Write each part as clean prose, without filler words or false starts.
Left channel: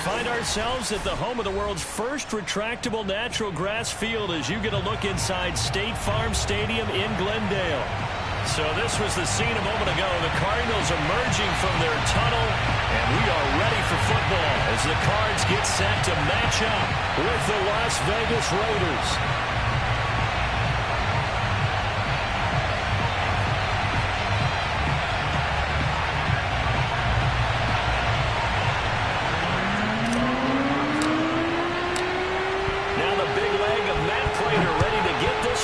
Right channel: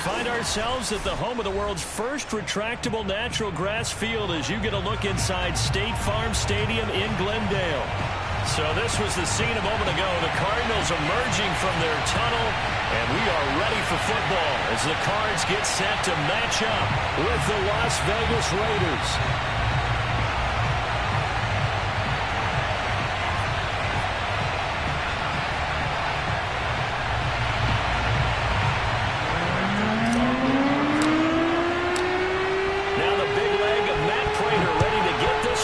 find ourselves at the home of the world's first retractable natural grass field as you get a look inside State Farm Stadium in Glendale. So this was the scene a moment ago. The Cardinals emerging from their tunnel, and we are ready for football as the Cards get set to match up with the Las Vegas Raiders.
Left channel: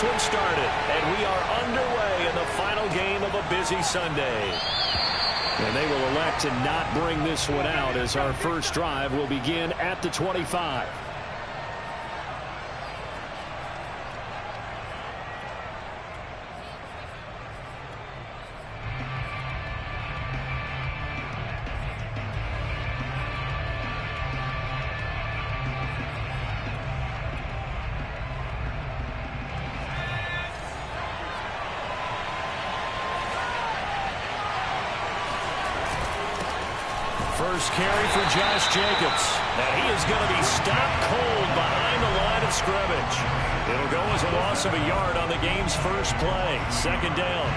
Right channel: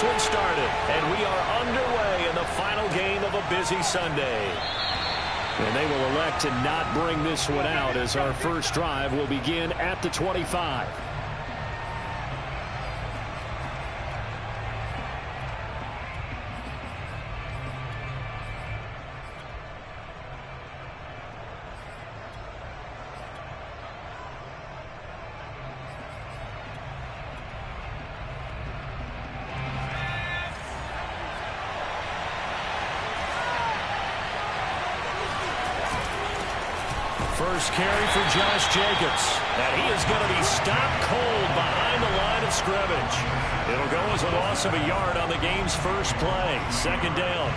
One started, and we are underway in the final game of a busy Sunday. And they will elect to not bring this one out as our first drive will begin at the 25. First carry for Josh Jacobs. And he is going to be stopped cold behind the line of scrimmage. It'll go as a loss of a yard on the game's first play. Second down.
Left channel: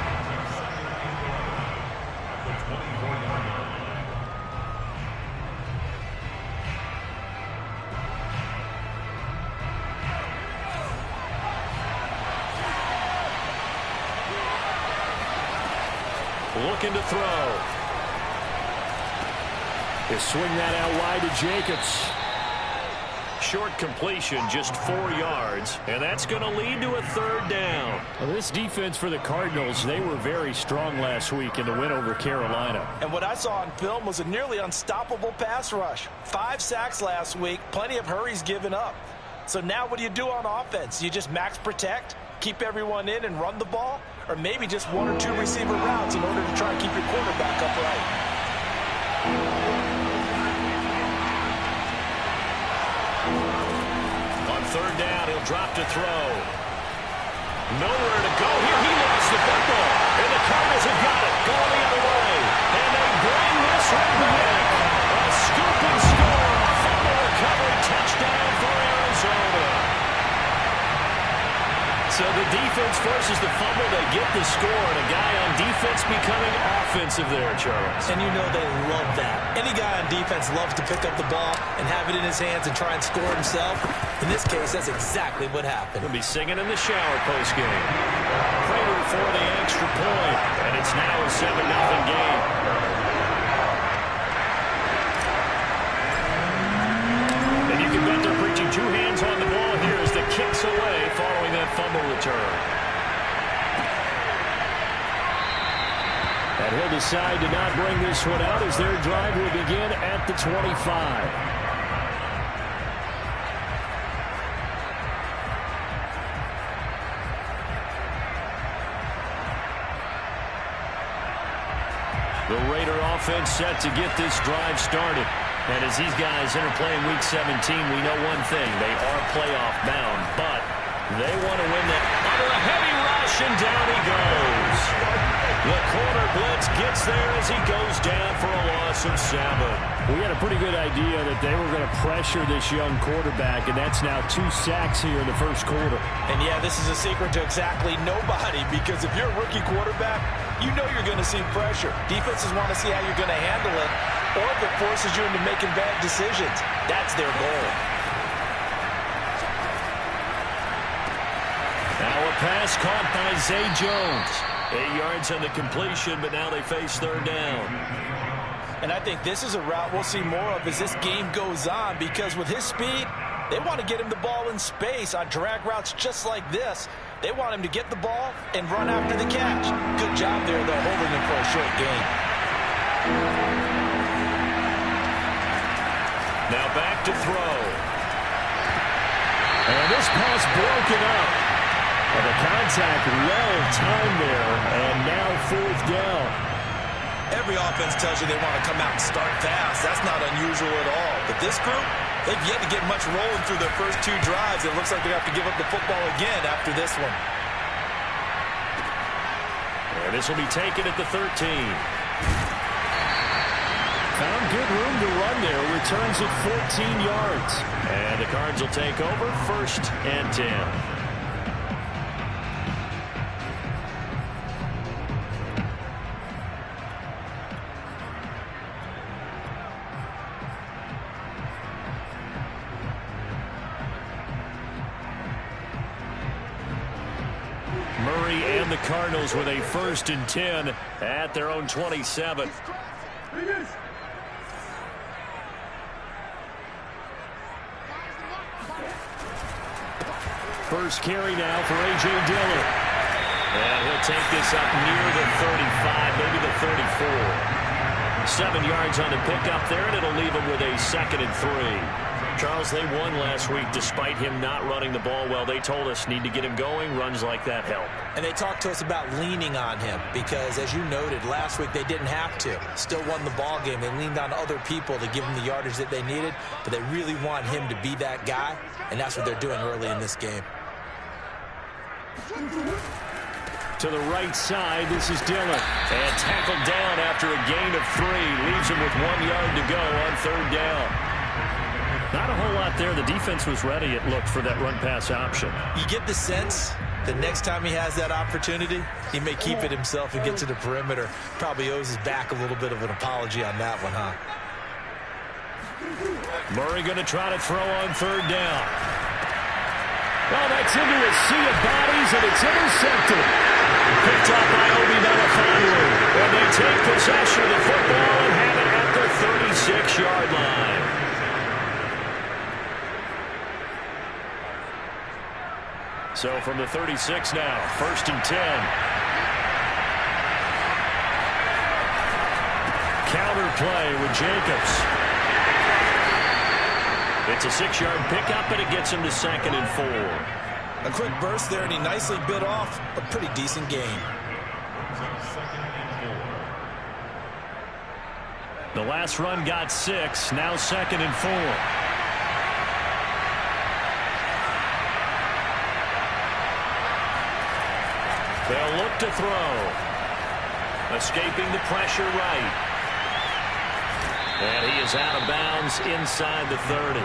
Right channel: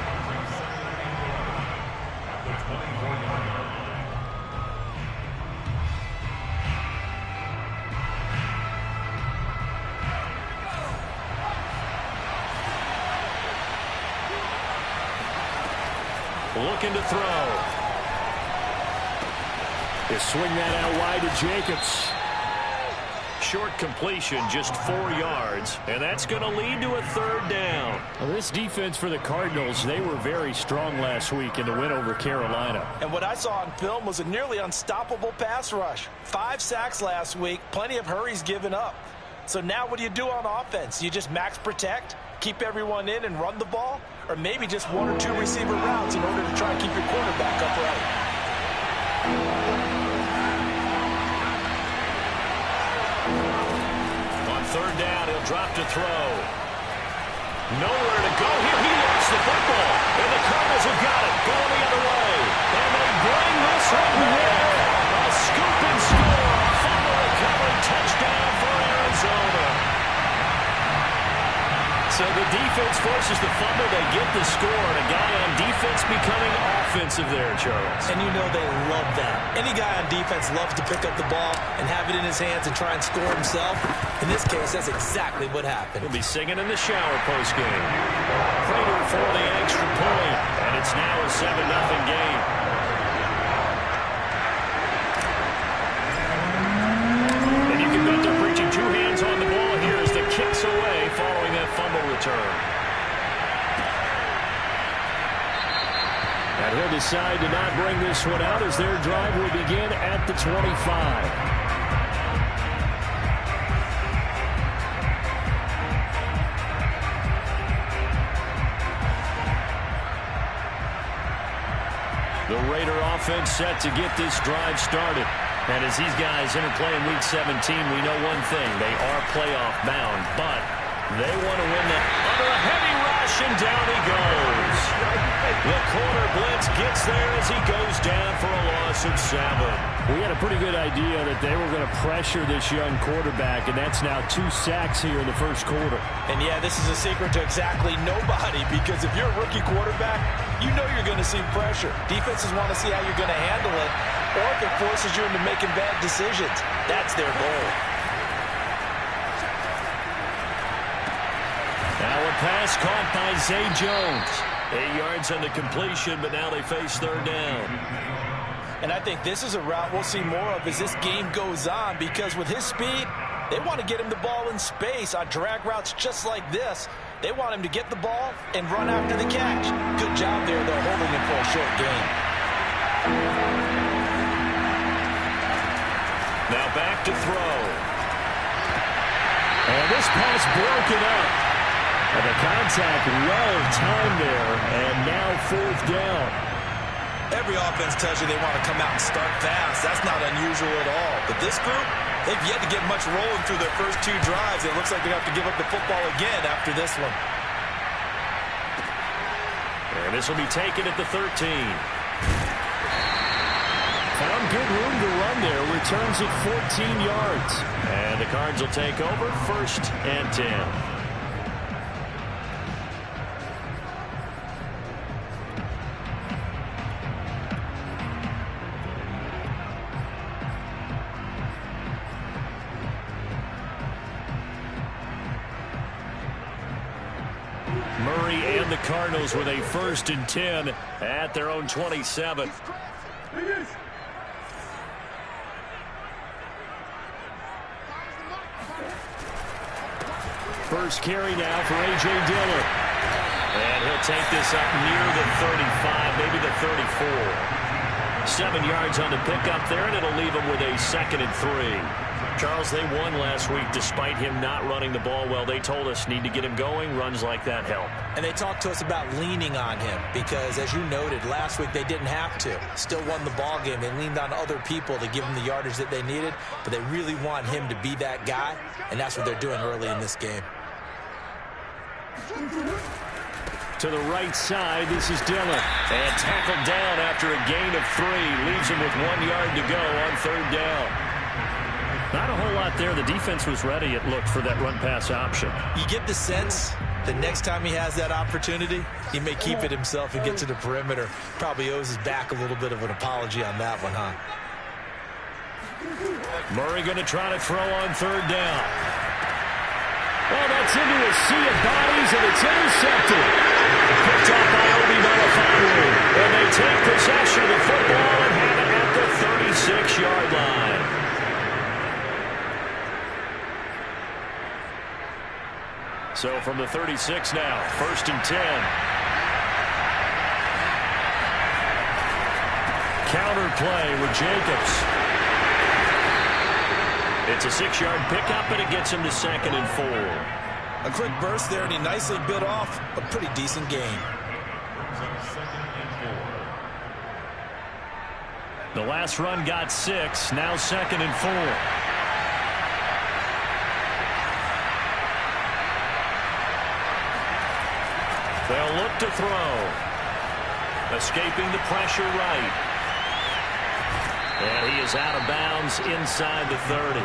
Looking to throw. He'll swing that out wide to Jacobs. Short completion, just 4 yards, and that's going to lead to a third down. Well, this defense for the Cardinals, they were very strong last week in the win over Carolina. And what I saw on film was a nearly unstoppable pass rush. 5 sacks last week, plenty of hurries given up. So now what do you do on offense? You just max protect, keep everyone in and run the ball, or maybe just 1 or 2 receiver routes in order to try and keep your quarterback upright. Third down, he'll drop to throw. Nowhere to go here. He lost the football, and the Cardinals have got it. Going the other way, and they bring this one back. A scoop and score. Fumble recovery touchdown for Arizona. So the defense forces the fumble. They get the score, and a guy on defense becoming offensive there, Charles. And you know they love that. Any guy on defense loves to pick up the ball and have it in his hands and try and score himself. In this case, that's exactly what happened. He'll be singing in the shower postgame. Prater for the extra point, and it's now a 7-0 game. And you can bet they're preaching 2 hands on the ball here as the kick's away following that fumble return. And he'll decide to not bring this one out as their drive will begin at the 25. The Raider offense set to get this drive started. And as these guys enter play in Week 17, we know one thing. They are playoff bound, but they want to win that. Under a heavy rush, and down he goes. The corner blitz gets there as he goes down for a loss of 7. We had a pretty good idea that they were going to pressure this young quarterback, and that's now 2 sacks here in the first quarter. And yeah, this is a secret to exactly nobody, because if you're a rookie quarterback, you know you're going to see pressure. Defenses want to see how you're going to handle it, or if it forces you into making bad decisions. That's their goal. Now a pass caught by Zay Jones. 8 yards on the completion, but now they face third down. And I think this is a route we'll see more of as this game goes on, because with his speed, they want to get him the ball in space on drag routes just like this. They want him to get the ball and run after the catch. Good job there, though, holding him for a short gain. Now back to throw. And this pass broken up. And the contact well timed there, and now 4th down. Every offense tells you they want to come out and start fast. That's not unusual at all. But this group, they've yet to get much rolling through their first 2 drives. It looks like they have to give up the football again after this one. And this will be taken at the 13. Found good room to run there. Returns it 14 yards. And the Cards will take over 1st and 10. Murray and the Cardinals with a 1st and 10 at their own 27. First carry now for A.J. Dillon. And he'll take this up near the 35, maybe the 34. 7 yards on the pickup there, and it'll leave him with a 2nd and 3. Charles, they won last week despite him not running the ball well. They told us need to get him going. Runs like that help. And they talked to us about leaning on him because, as you noted, last week they didn't have to. Still won the ball game. They leaned on other people to give them the yardage that they needed, but they really want him to be that guy, and that's what they're doing early in this game. To the right side, this is Dillon. And tackled down after a gain of 3. Leaves him with 1 yard to go on 3rd down. Not a whole lot there. The defense was ready, it looked, for that run-pass option. You get the sense the next time he has that opportunity, he may keep it himself and get to the perimeter. Probably owes his back a little bit of an apology on that one, huh? Murray going to try to throw on 3rd down. Well, that's into a sea of bodies, and it's intercepted. Picked off by Obi Melifonwu. And they take possession of the football and have it at the 36-yard line. So from the 36 now, 1st and 10. Counter play with Jacobs. It's a 6-yard pickup, and it gets him to 2nd and 4. A quick burst there, and he nicely bit off a pretty decent gain. The last run got 6, now 2nd and 4. They'll look to throw. Escaping the pressure right. And he is out of bounds inside the 30.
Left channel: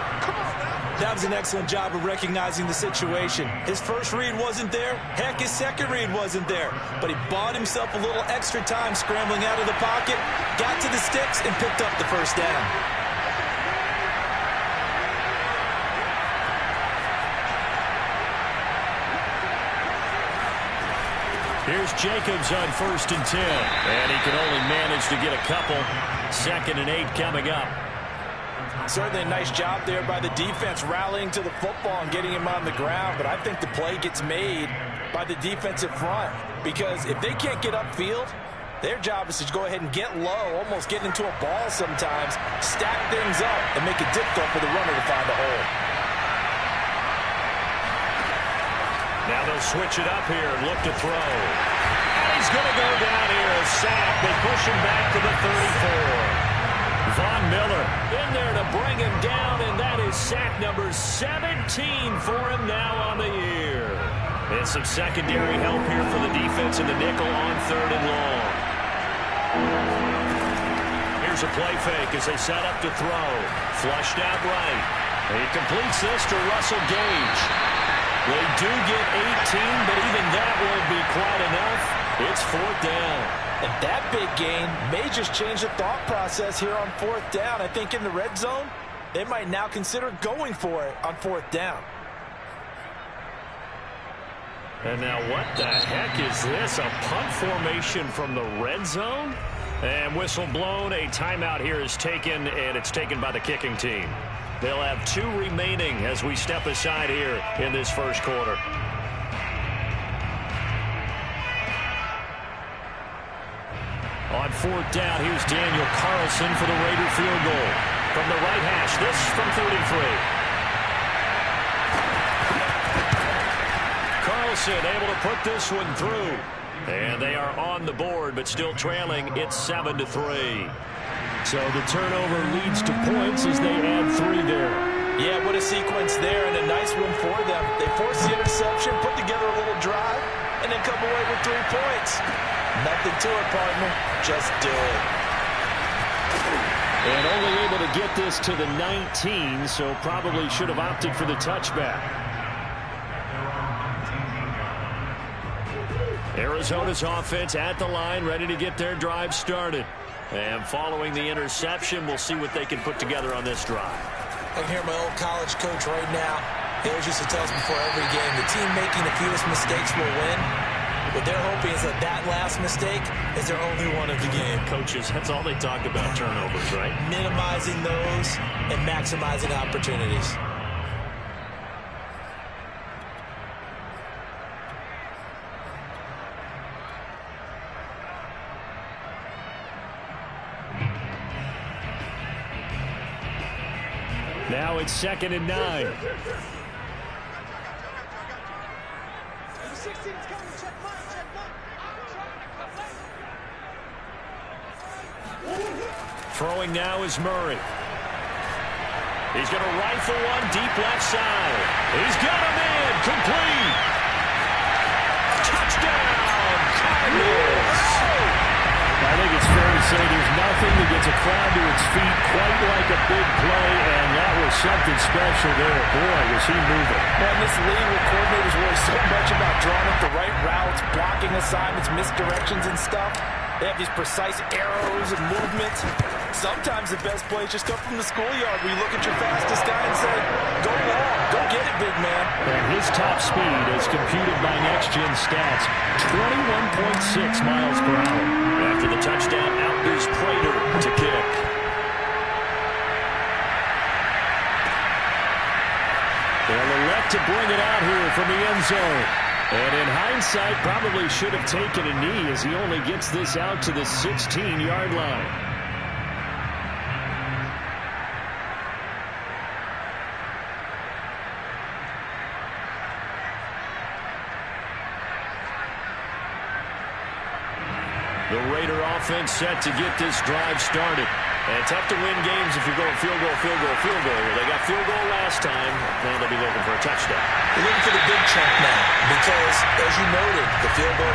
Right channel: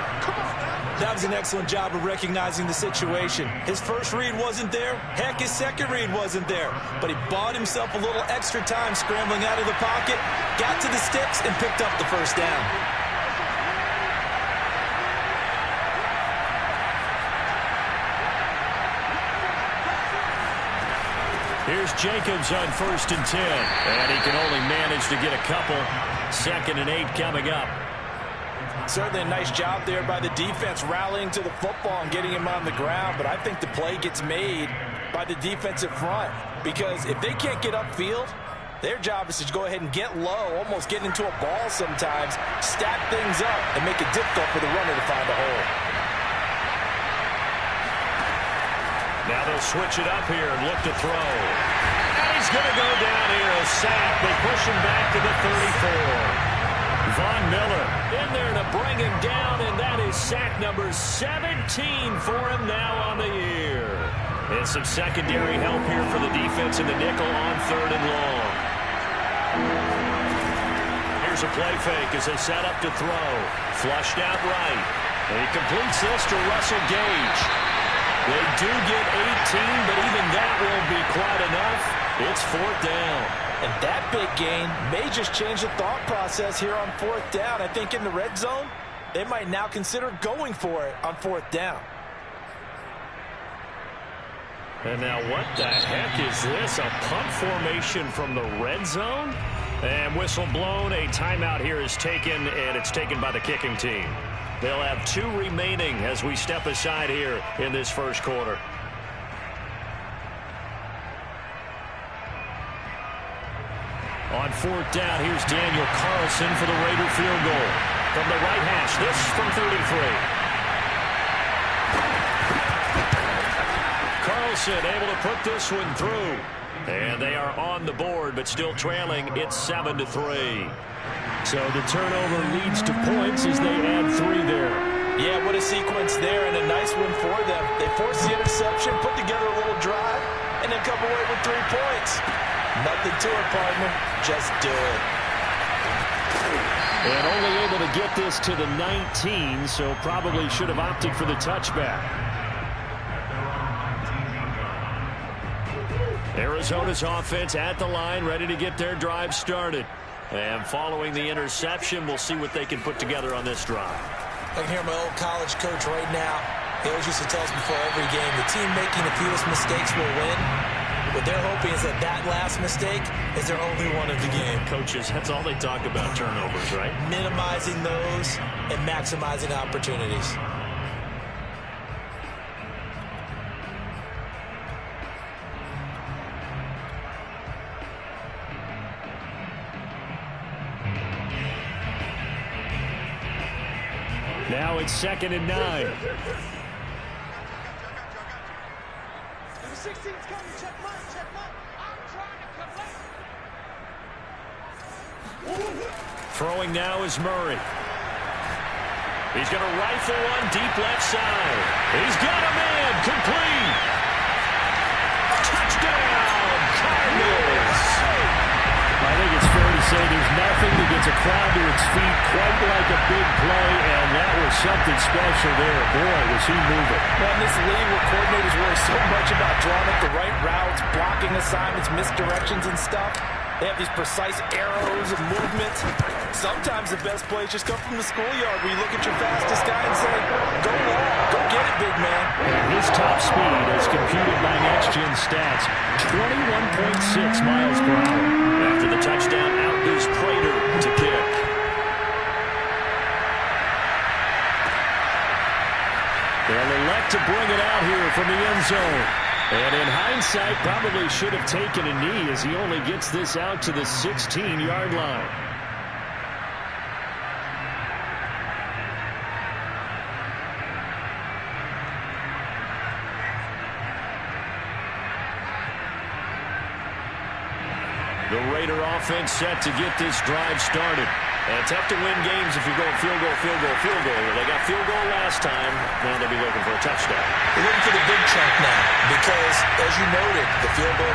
That was an excellent job of recognizing the situation. His first read wasn't there. Heck, his second read wasn't there. But he bought himself a little extra time scrambling out of the pocket, got to the sticks, and picked up the 1st down. Here's Jacobs on 1st and 10. And he can only manage to get a couple. 2nd and 8 coming up. Certainly a nice job there by the defense rallying to the football and getting him on the ground. But I think the play gets made by the defensive front. Because if they can't get upfield, their job is to go ahead and get low, almost get into a ball sometimes, stack things up, and make it difficult for the runner to find a hole. Now they'll switch it up here and look to throw. And he's going to go down here, a sack. They push him back to the 34. Von Miller in there to bring him down, and that is sack number 17 for him now on the year. And some secondary help here for the defense in the nickel on 3rd and long. Here's a play fake as they set up to throw. Flushed out right. And he completes this to Russell Gage. They do get 18, but even that won't be quite enough. It's 4th down. And that big gain may just change the thought process here on 4th down. I think in the red zone, they might now consider going for it on 4th down. And now what the heck is this? A punt formation from the red zone? And whistle blown. A timeout here is taken, and it's taken by the kicking team. They'll have 2 remaining as we step aside here in this first quarter. On 4th down, here's Daniel Carlson for the Raider field goal. From the right hash, this from 33. Carlson able to put this one through. And they are on the board, but still trailing. It's 7-3. So the turnover leads to points as they add 3 there. Yeah, what a sequence there, and a nice one for them. They force the interception, put together a little drive, and then come away with 3 points. Nothing to it, partner. Just do it. And only able to get this to the 19, so probably should have opted for the touchback. Arizona's offense at the line, ready to get their drive started. And following the interception, we'll see what they can put together on this drive. I can hear my old college coach right now. He always used to tell us before every game, the team making the fewest mistakes will win. What they're hoping is that that last mistake is their only one of the game. Coaches, that's all they talk about, turnovers, right? Minimizing those and maximizing opportunities. Now it's 2nd and 9. Throwing now is Murray. He's going to rifle one deep left side. He's got a man. Complete. Touchdown, Cardinals. I think it's fair to say there's nothing that gets a crowd to its feet quite like a big play, and that was something special there. Boy, was he moving. Well, in this league where coordinators worry so much about drawing up the right routes, blocking assignments, misdirections and stuff, they have these precise arrows and movements. Sometimes the best plays just come from the schoolyard where you look at your fastest guy and say, go long, go get it, big man. And his top speed, as computed by Next Gen Stats, 21.6 miles per hour. After the touchdown, out is Prater to kick. They'll elect to bring it out here from the end zone. And in hindsight, probably should have taken a knee as he only gets this out to the 16-yard line. The Raider offense set to get this drive started. And tough to win games if you're going field goal, field goal, field goal here. They got field goal last time. Now they'll be looking for a touchdown. They're looking for the big chunk now because, as you noted, the field goal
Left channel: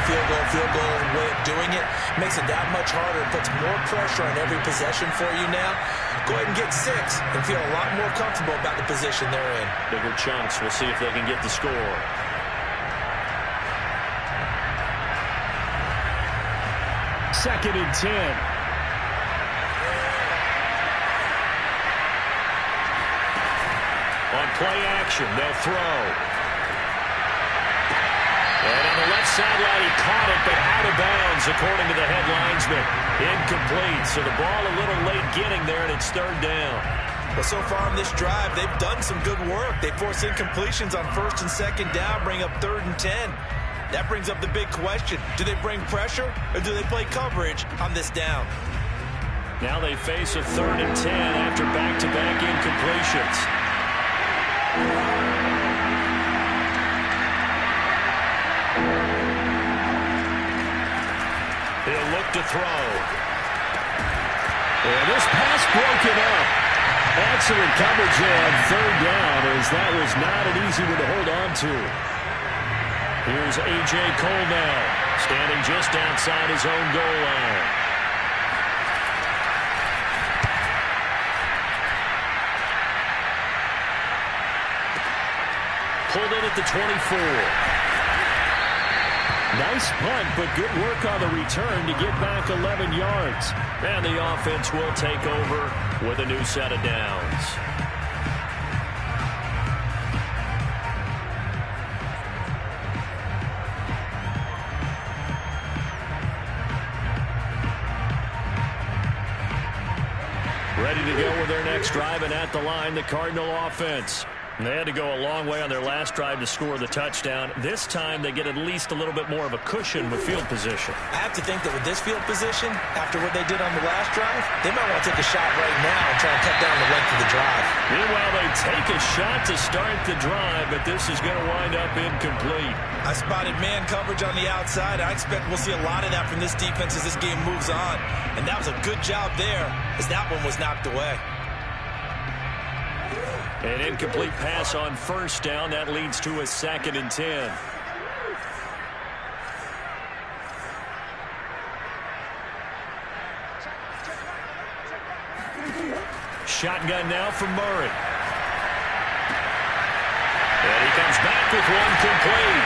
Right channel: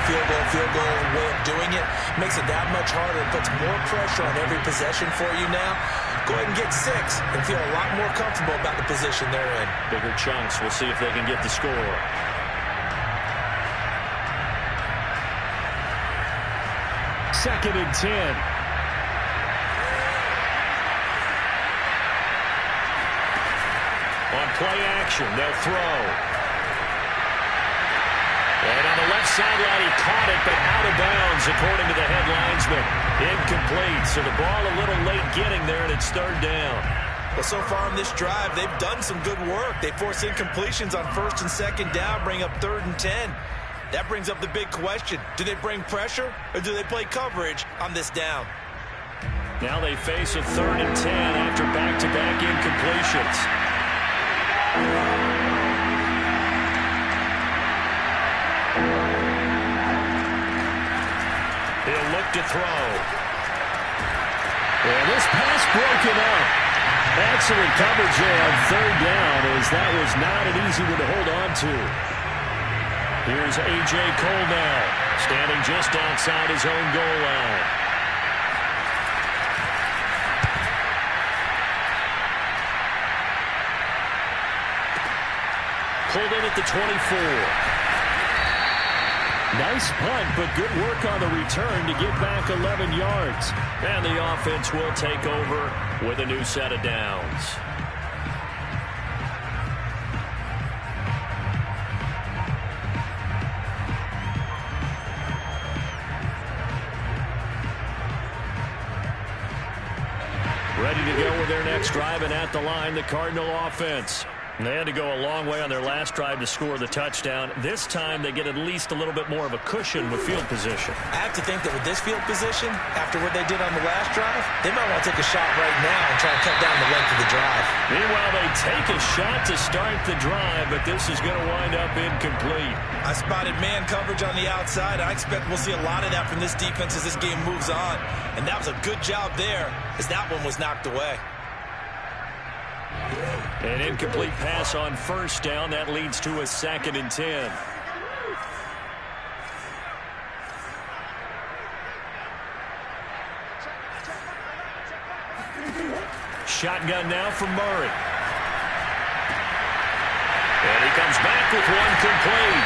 way of doing it makes it that much harder. It puts more pressure on every possession for you now. Go ahead and get 6 and feel a lot more comfortable about the position they're in. Bigger chunks. We'll see if they can get the score. Second and 10. On play action, they'll throw. And on the left sideline, he caught it, but out of bounds, according to the head linesman. Incomplete, so the ball a little late getting there, and it's 3rd down. Well, so far in this drive, they've done some good work. They force incompletions on 1st and 2nd down, bring up 3rd and 10. That brings up the big question. Do they bring pressure, or do they play coverage on this down? Now they face a 3rd and 10 after back-to-back incompletions. He'll look to throw. And this pass broken up. Excellent coverage there on 3rd down, as that was not an easy one to hold on to. Here's A.J. Cole now, standing just outside his own goal line. Pulled in at the 24. Nice punt, but good work on the return to get back 11 yards. And the offense will take over with a new set of downs. Ready to go with their next drive, and at the line, the Cardinal offense. They had to go a long way on their last drive to score the touchdown. This time, they get at least a little bit more of a cushion with field position. I have to think that with this field position, after what they did on the last drive, they might want to take a shot right now and try and cut down the length of the drive. Meanwhile, they take a shot to start the drive, but this is going to wind up incomplete. I spotted man coverage on the outside. I expect we'll see a lot of that from this defense as this game moves on. And that was a good job there as that one was knocked away. An incomplete pass on 1st down. That leads to a 2nd and 10. Shotgun now from Murray. And he comes back with one complete.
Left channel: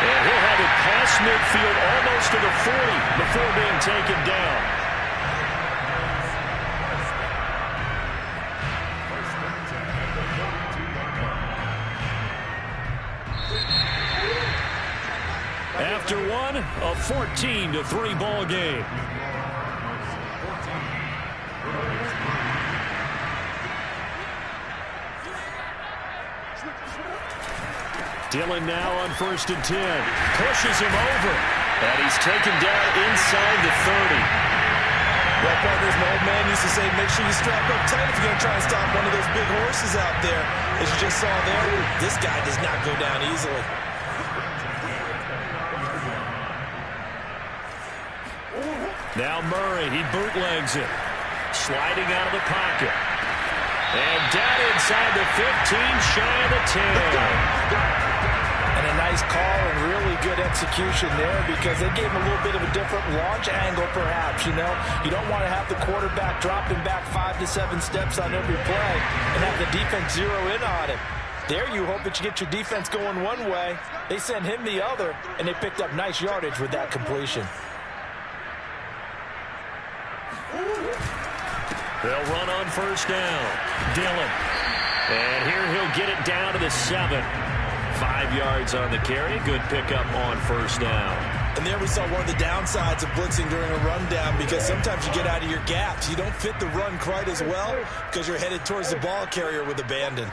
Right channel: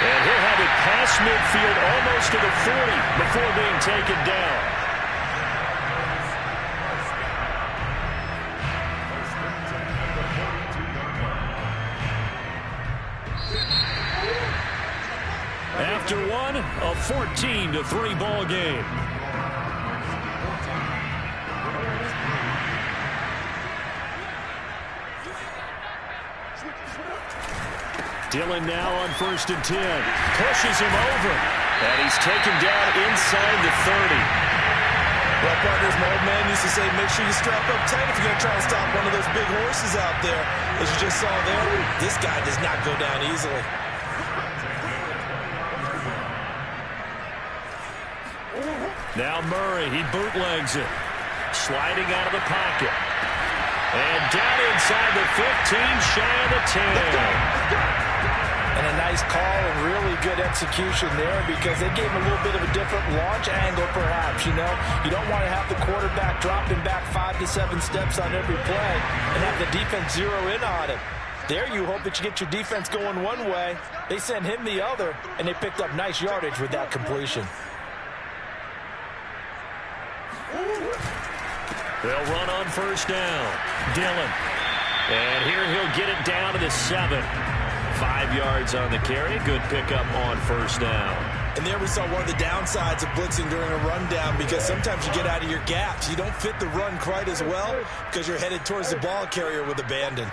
And he'll have it past midfield almost to the 40 before being taken down. After one, a 14-3 ball game. Dillon now on 1st and 10. Pushes him over. And he's taken down inside the 30. Well, partners, my old man used to say, make sure you strap up tight if you're going to try and stop one of those big horses out there. As you just saw there, this guy does not go down easily. Now Murray, he bootlegs it. Sliding out of the pocket. And down inside the 15, shy of the 10. And a nice call and really good execution there because they gave him a little bit of a different launch angle perhaps, you know. You don't want to have the quarterback dropping back 5 to 7 steps on every play and have the defense zero in on it. There you hope that you get your defense going one way. They sent him the other, and they picked up nice yardage with that completion. They'll run on 1st down. Dillon. And here he'll get it down to the 7. 5 yards on the carry. Good pickup on 1st down. And there we saw one of the downsides of blitzing during a rundown because sometimes you get out of your gaps. You don't fit the run quite as well because you're headed towards the ball carrier with abandon.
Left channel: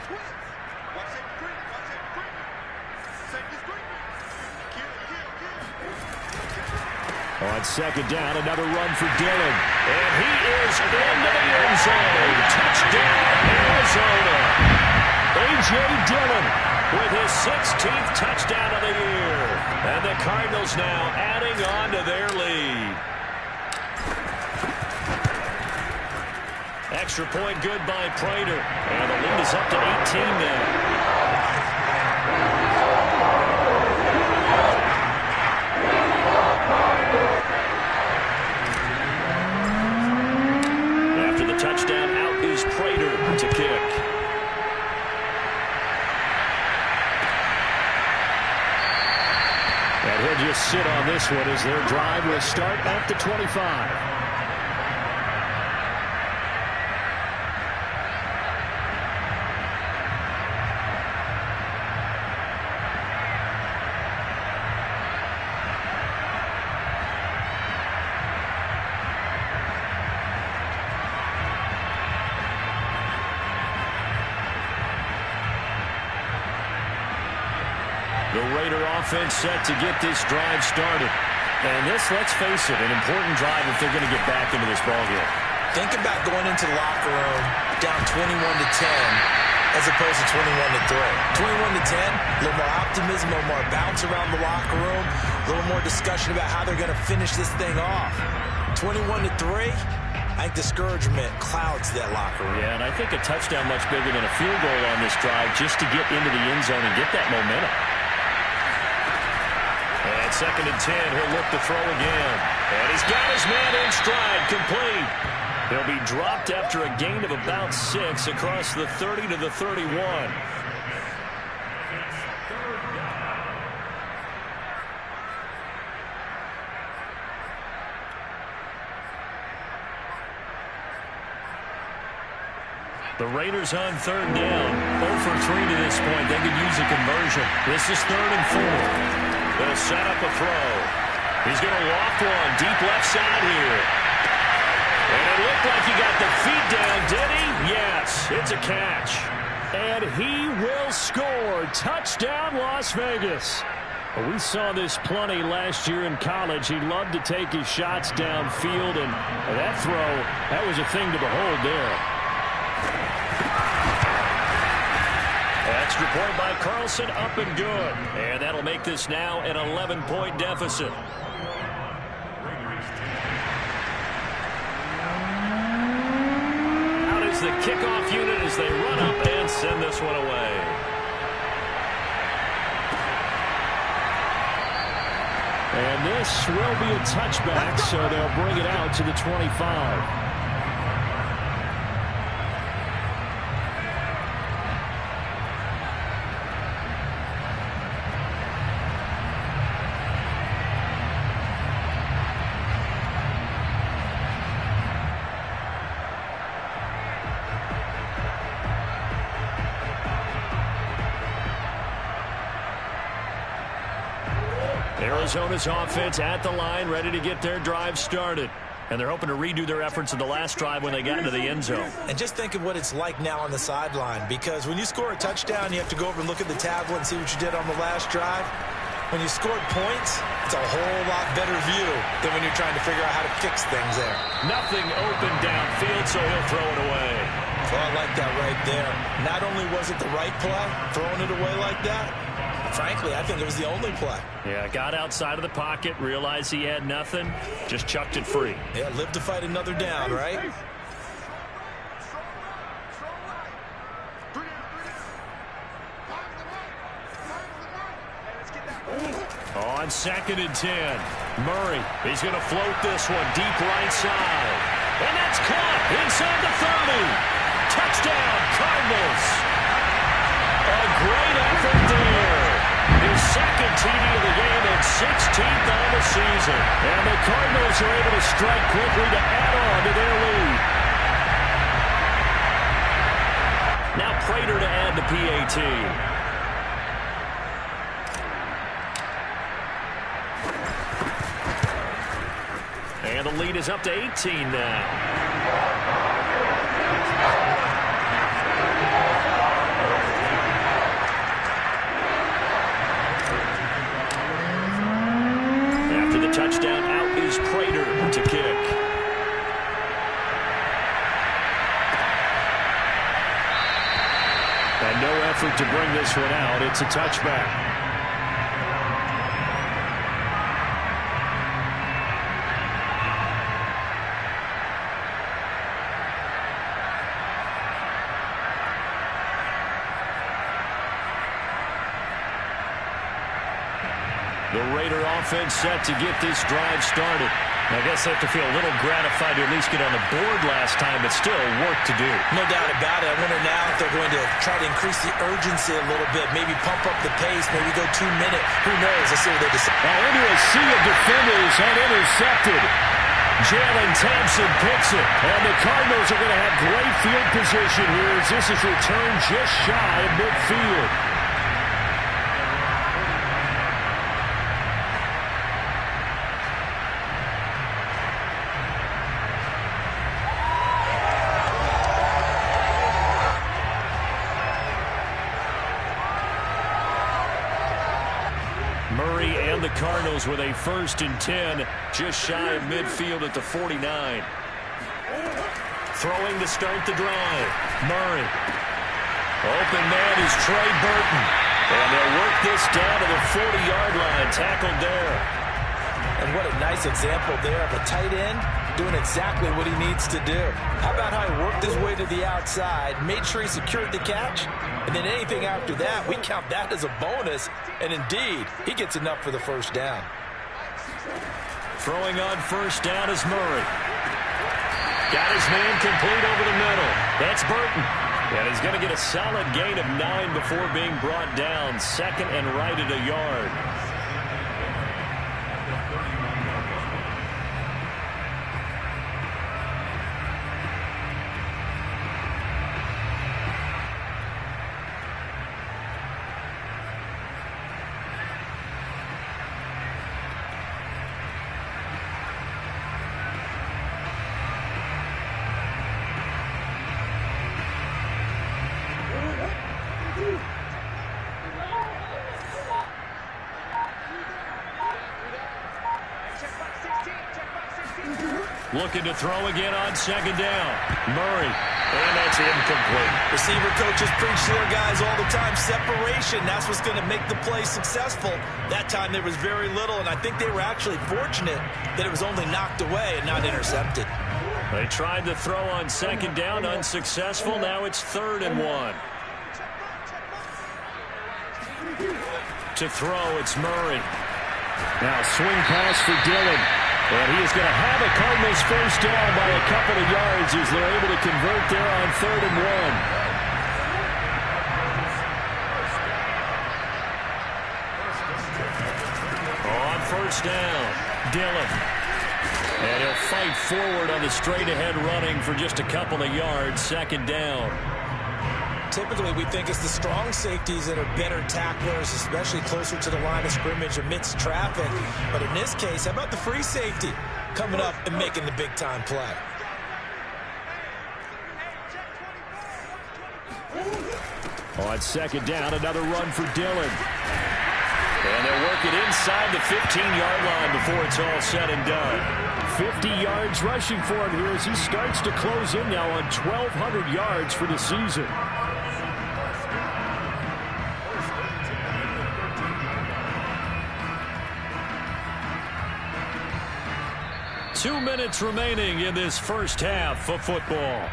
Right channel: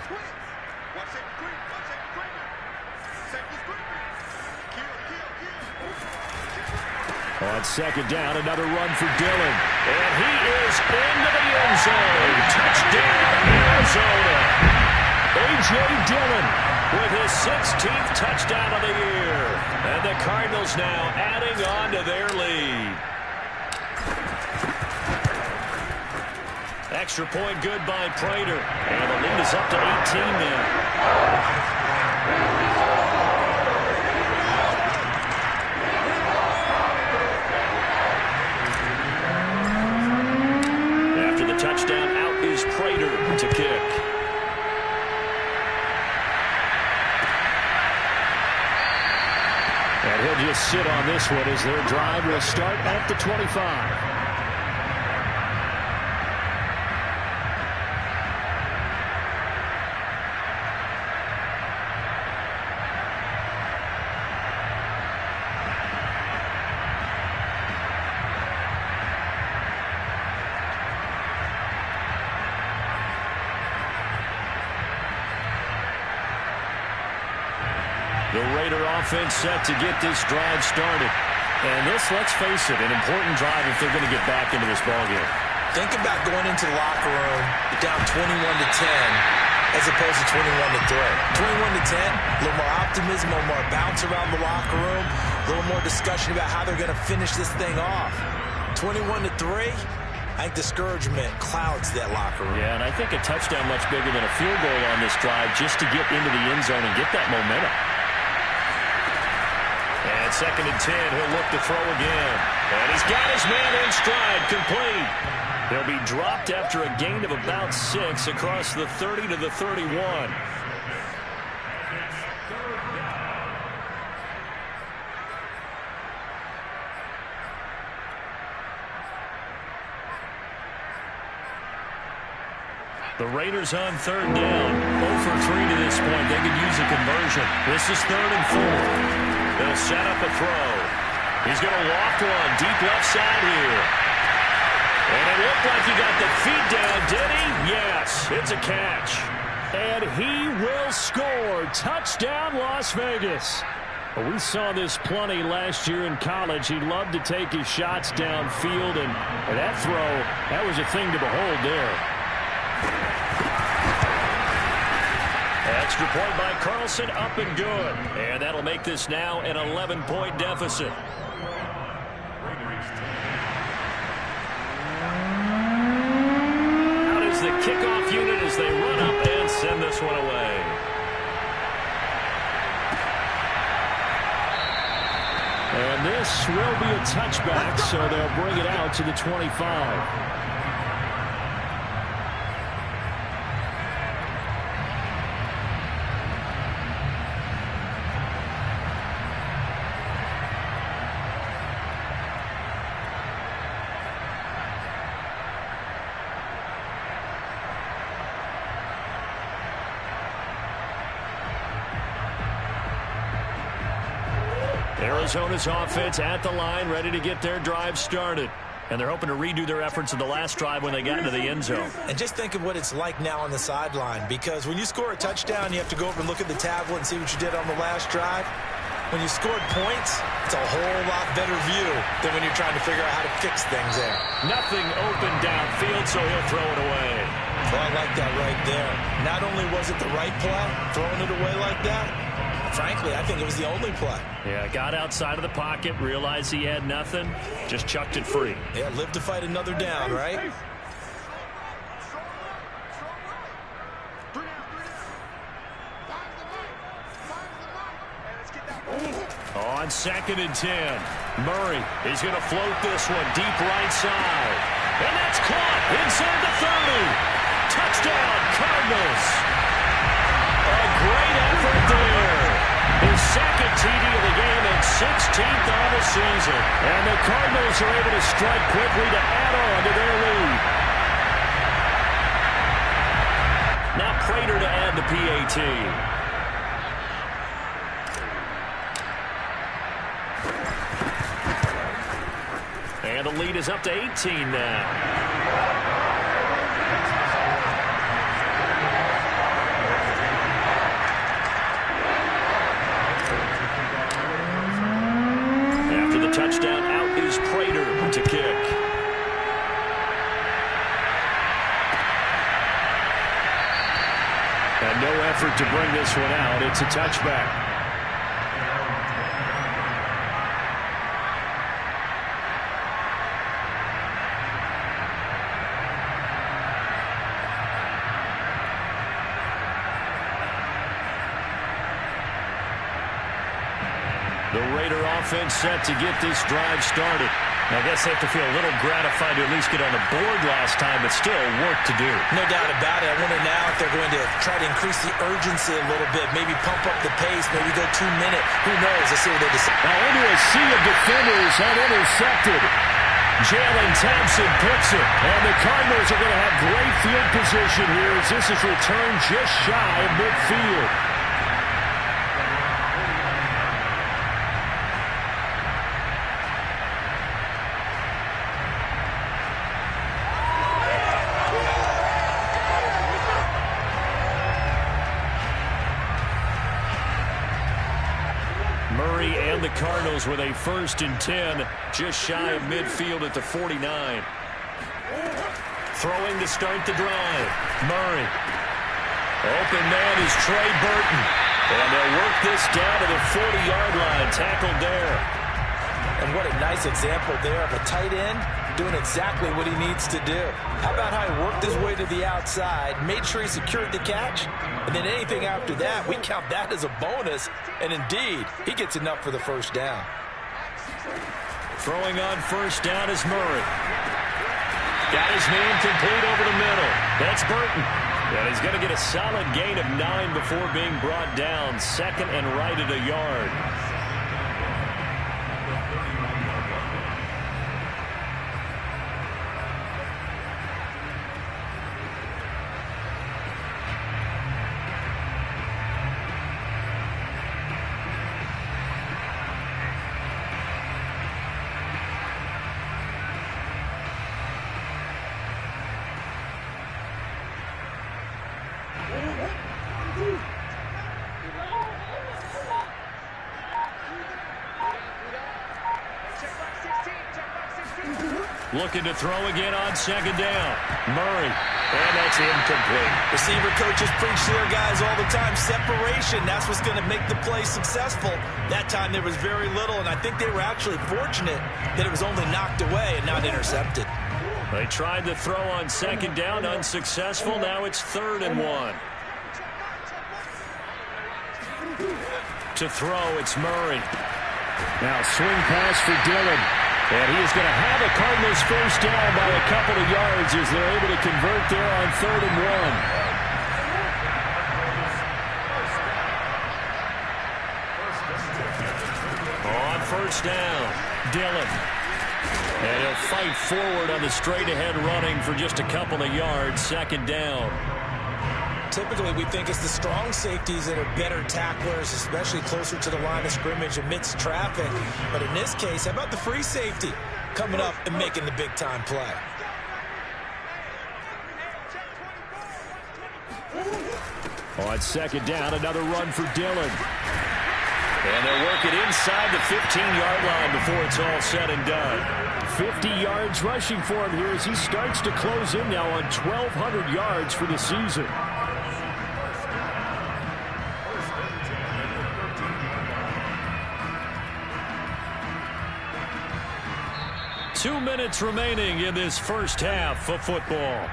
On 2nd down, another run for Dillon. And he is into the end zone. Touchdown, Arizona. A.J. Dillon with his 16th touchdown of the year. And the Cardinals now adding on to their lead. Extra point good by Prater. And the lead is up to 18 now. Touchdown, out is Prater to kick. And he'll just sit on this one as their drive will start at the 25. The Raider offense set to get this drive started. And this, let's face it, an important drive if they're going to get back into this ballgame. Think about going into the locker room down 21-10 as opposed to 21-3. 21-10, a little more optimism, a little more bounce around the locker room, a little more discussion about how they're going to finish this thing off. 21-3, I think discouragement clouds that locker room. Yeah, and I think a touchdown much bigger than a field goal on this drive just to get into the end zone and get that momentum. And 2nd and 10, he'll look to throw again. And he's got his man in stride, complete. He'll be dropped after a gain of about 6 across the 30 to the 31. The Raiders on 3rd down. 0 for 3 to this point. They could use a conversion. This is 3rd and 4. They'll set up a throw. He's going to loft one deep left side here. And it looked like he got the feet down, did he? Yes, it's a catch. And he will score. Touchdown, Las Vegas. We saw this plenty last year in college. He loved to take his shots downfield, and that throw, that was a thing to behold there. Extra point by Carlson, up and good. And that'll make this now an 11-point deficit. Out is the kickoff unit as they run up and send this one away. And this will be a touchback, so they'll bring it out to the 25. Arizona's offense at the line, ready to get their drive started. And they're hoping to redo their efforts in the last drive when they got into the end zone. And just think of what it's like now on the sideline, because when you score a touchdown, you have to go over and look at the tablet and see what you did on the last drive. When you scored points, it's a whole lot better view than when you're trying to figure out how to fix things there. Nothing open downfield, so he'll throw it away. Well, I like that right there. Not only was it the right play, throwing it away like that, frankly, I think it was the only play. Yeah, got outside of the pocket, realized he had nothing, just chucked it free. Yeah, live to fight another down, right? On 2nd and 10, Murray, he's going to float this one deep right side. And that's caught inside the 30. Touchdown, Cardinals. A great effort there. His second TD of the game and 16th on the season. And the Cardinals are able to strike quickly to add on to their lead. Now Prater to add the PAT. And the lead is up to 18 now. After the touchdown, out is Prater to kick. And no effort to bring this one out. It's a touchback. The Raider offense set to get this drive started. I guess they have to feel a little gratified to at least get on the board last time, but still work to do. No doubt about it. I wonder now if they're going to try to increase the urgency a little bit, maybe pump up the pace, maybe go 2 minute. Who knows? Let's see what they decide. Now into a sea of defenders and intercepted. Jalen Thompson picks it, and the Cardinals are going to have great field position here as this is returned just shy of midfield. Murray and the Cardinals with a 1st and 10, just shy of midfield at the 49. Throwing to start the drive. Murray. Open man is Trey Burton. And they'll work this down to the 40-yard line. Tackled there. And what a nice example there of a tight end doing exactly what he needs to do. How about how he worked his way to the outside, made sure he secured the catch, and then anything after that, we count that as a bonus. And indeed, he gets enough for the 1st down. Throwing on 1st down is Murray. Got his man complete over the middle. That's Burton. And he's going to get a solid gain of 9 before being brought down. 2nd and right at a yard. Looking to throw again on 2nd down. Murray. And that's incomplete. Receiver coaches preach to their guys all the time. Separation, that's what's going to make the play successful. That time there was very little, and I think they were actually fortunate that it was only knocked away and not intercepted. They tried to throw on 2nd down, unsuccessful. Now it's 3rd and 1. To throw, it's Murray. Now swing pass for Dillon. And he is going to have a Cardinals 1st down by a couple of yards as they're able to convert there on 3rd and 1. On 1st down, Dillon. And he'll fight forward on the straight-ahead running for just a couple of yards. 2nd down. Typically, we think it's the strong safeties that are better tacklers, especially closer to the line of scrimmage amidst traffic. But in this case, how about the free safety coming up and making the big-time play? On second down, another run for Dillon. And they'll work it inside the 15-yard line before it's all said and done. 50 yards rushing for him here as he starts to close in now on 1,200 yards for the season. Two minutes remaining in this first half of football.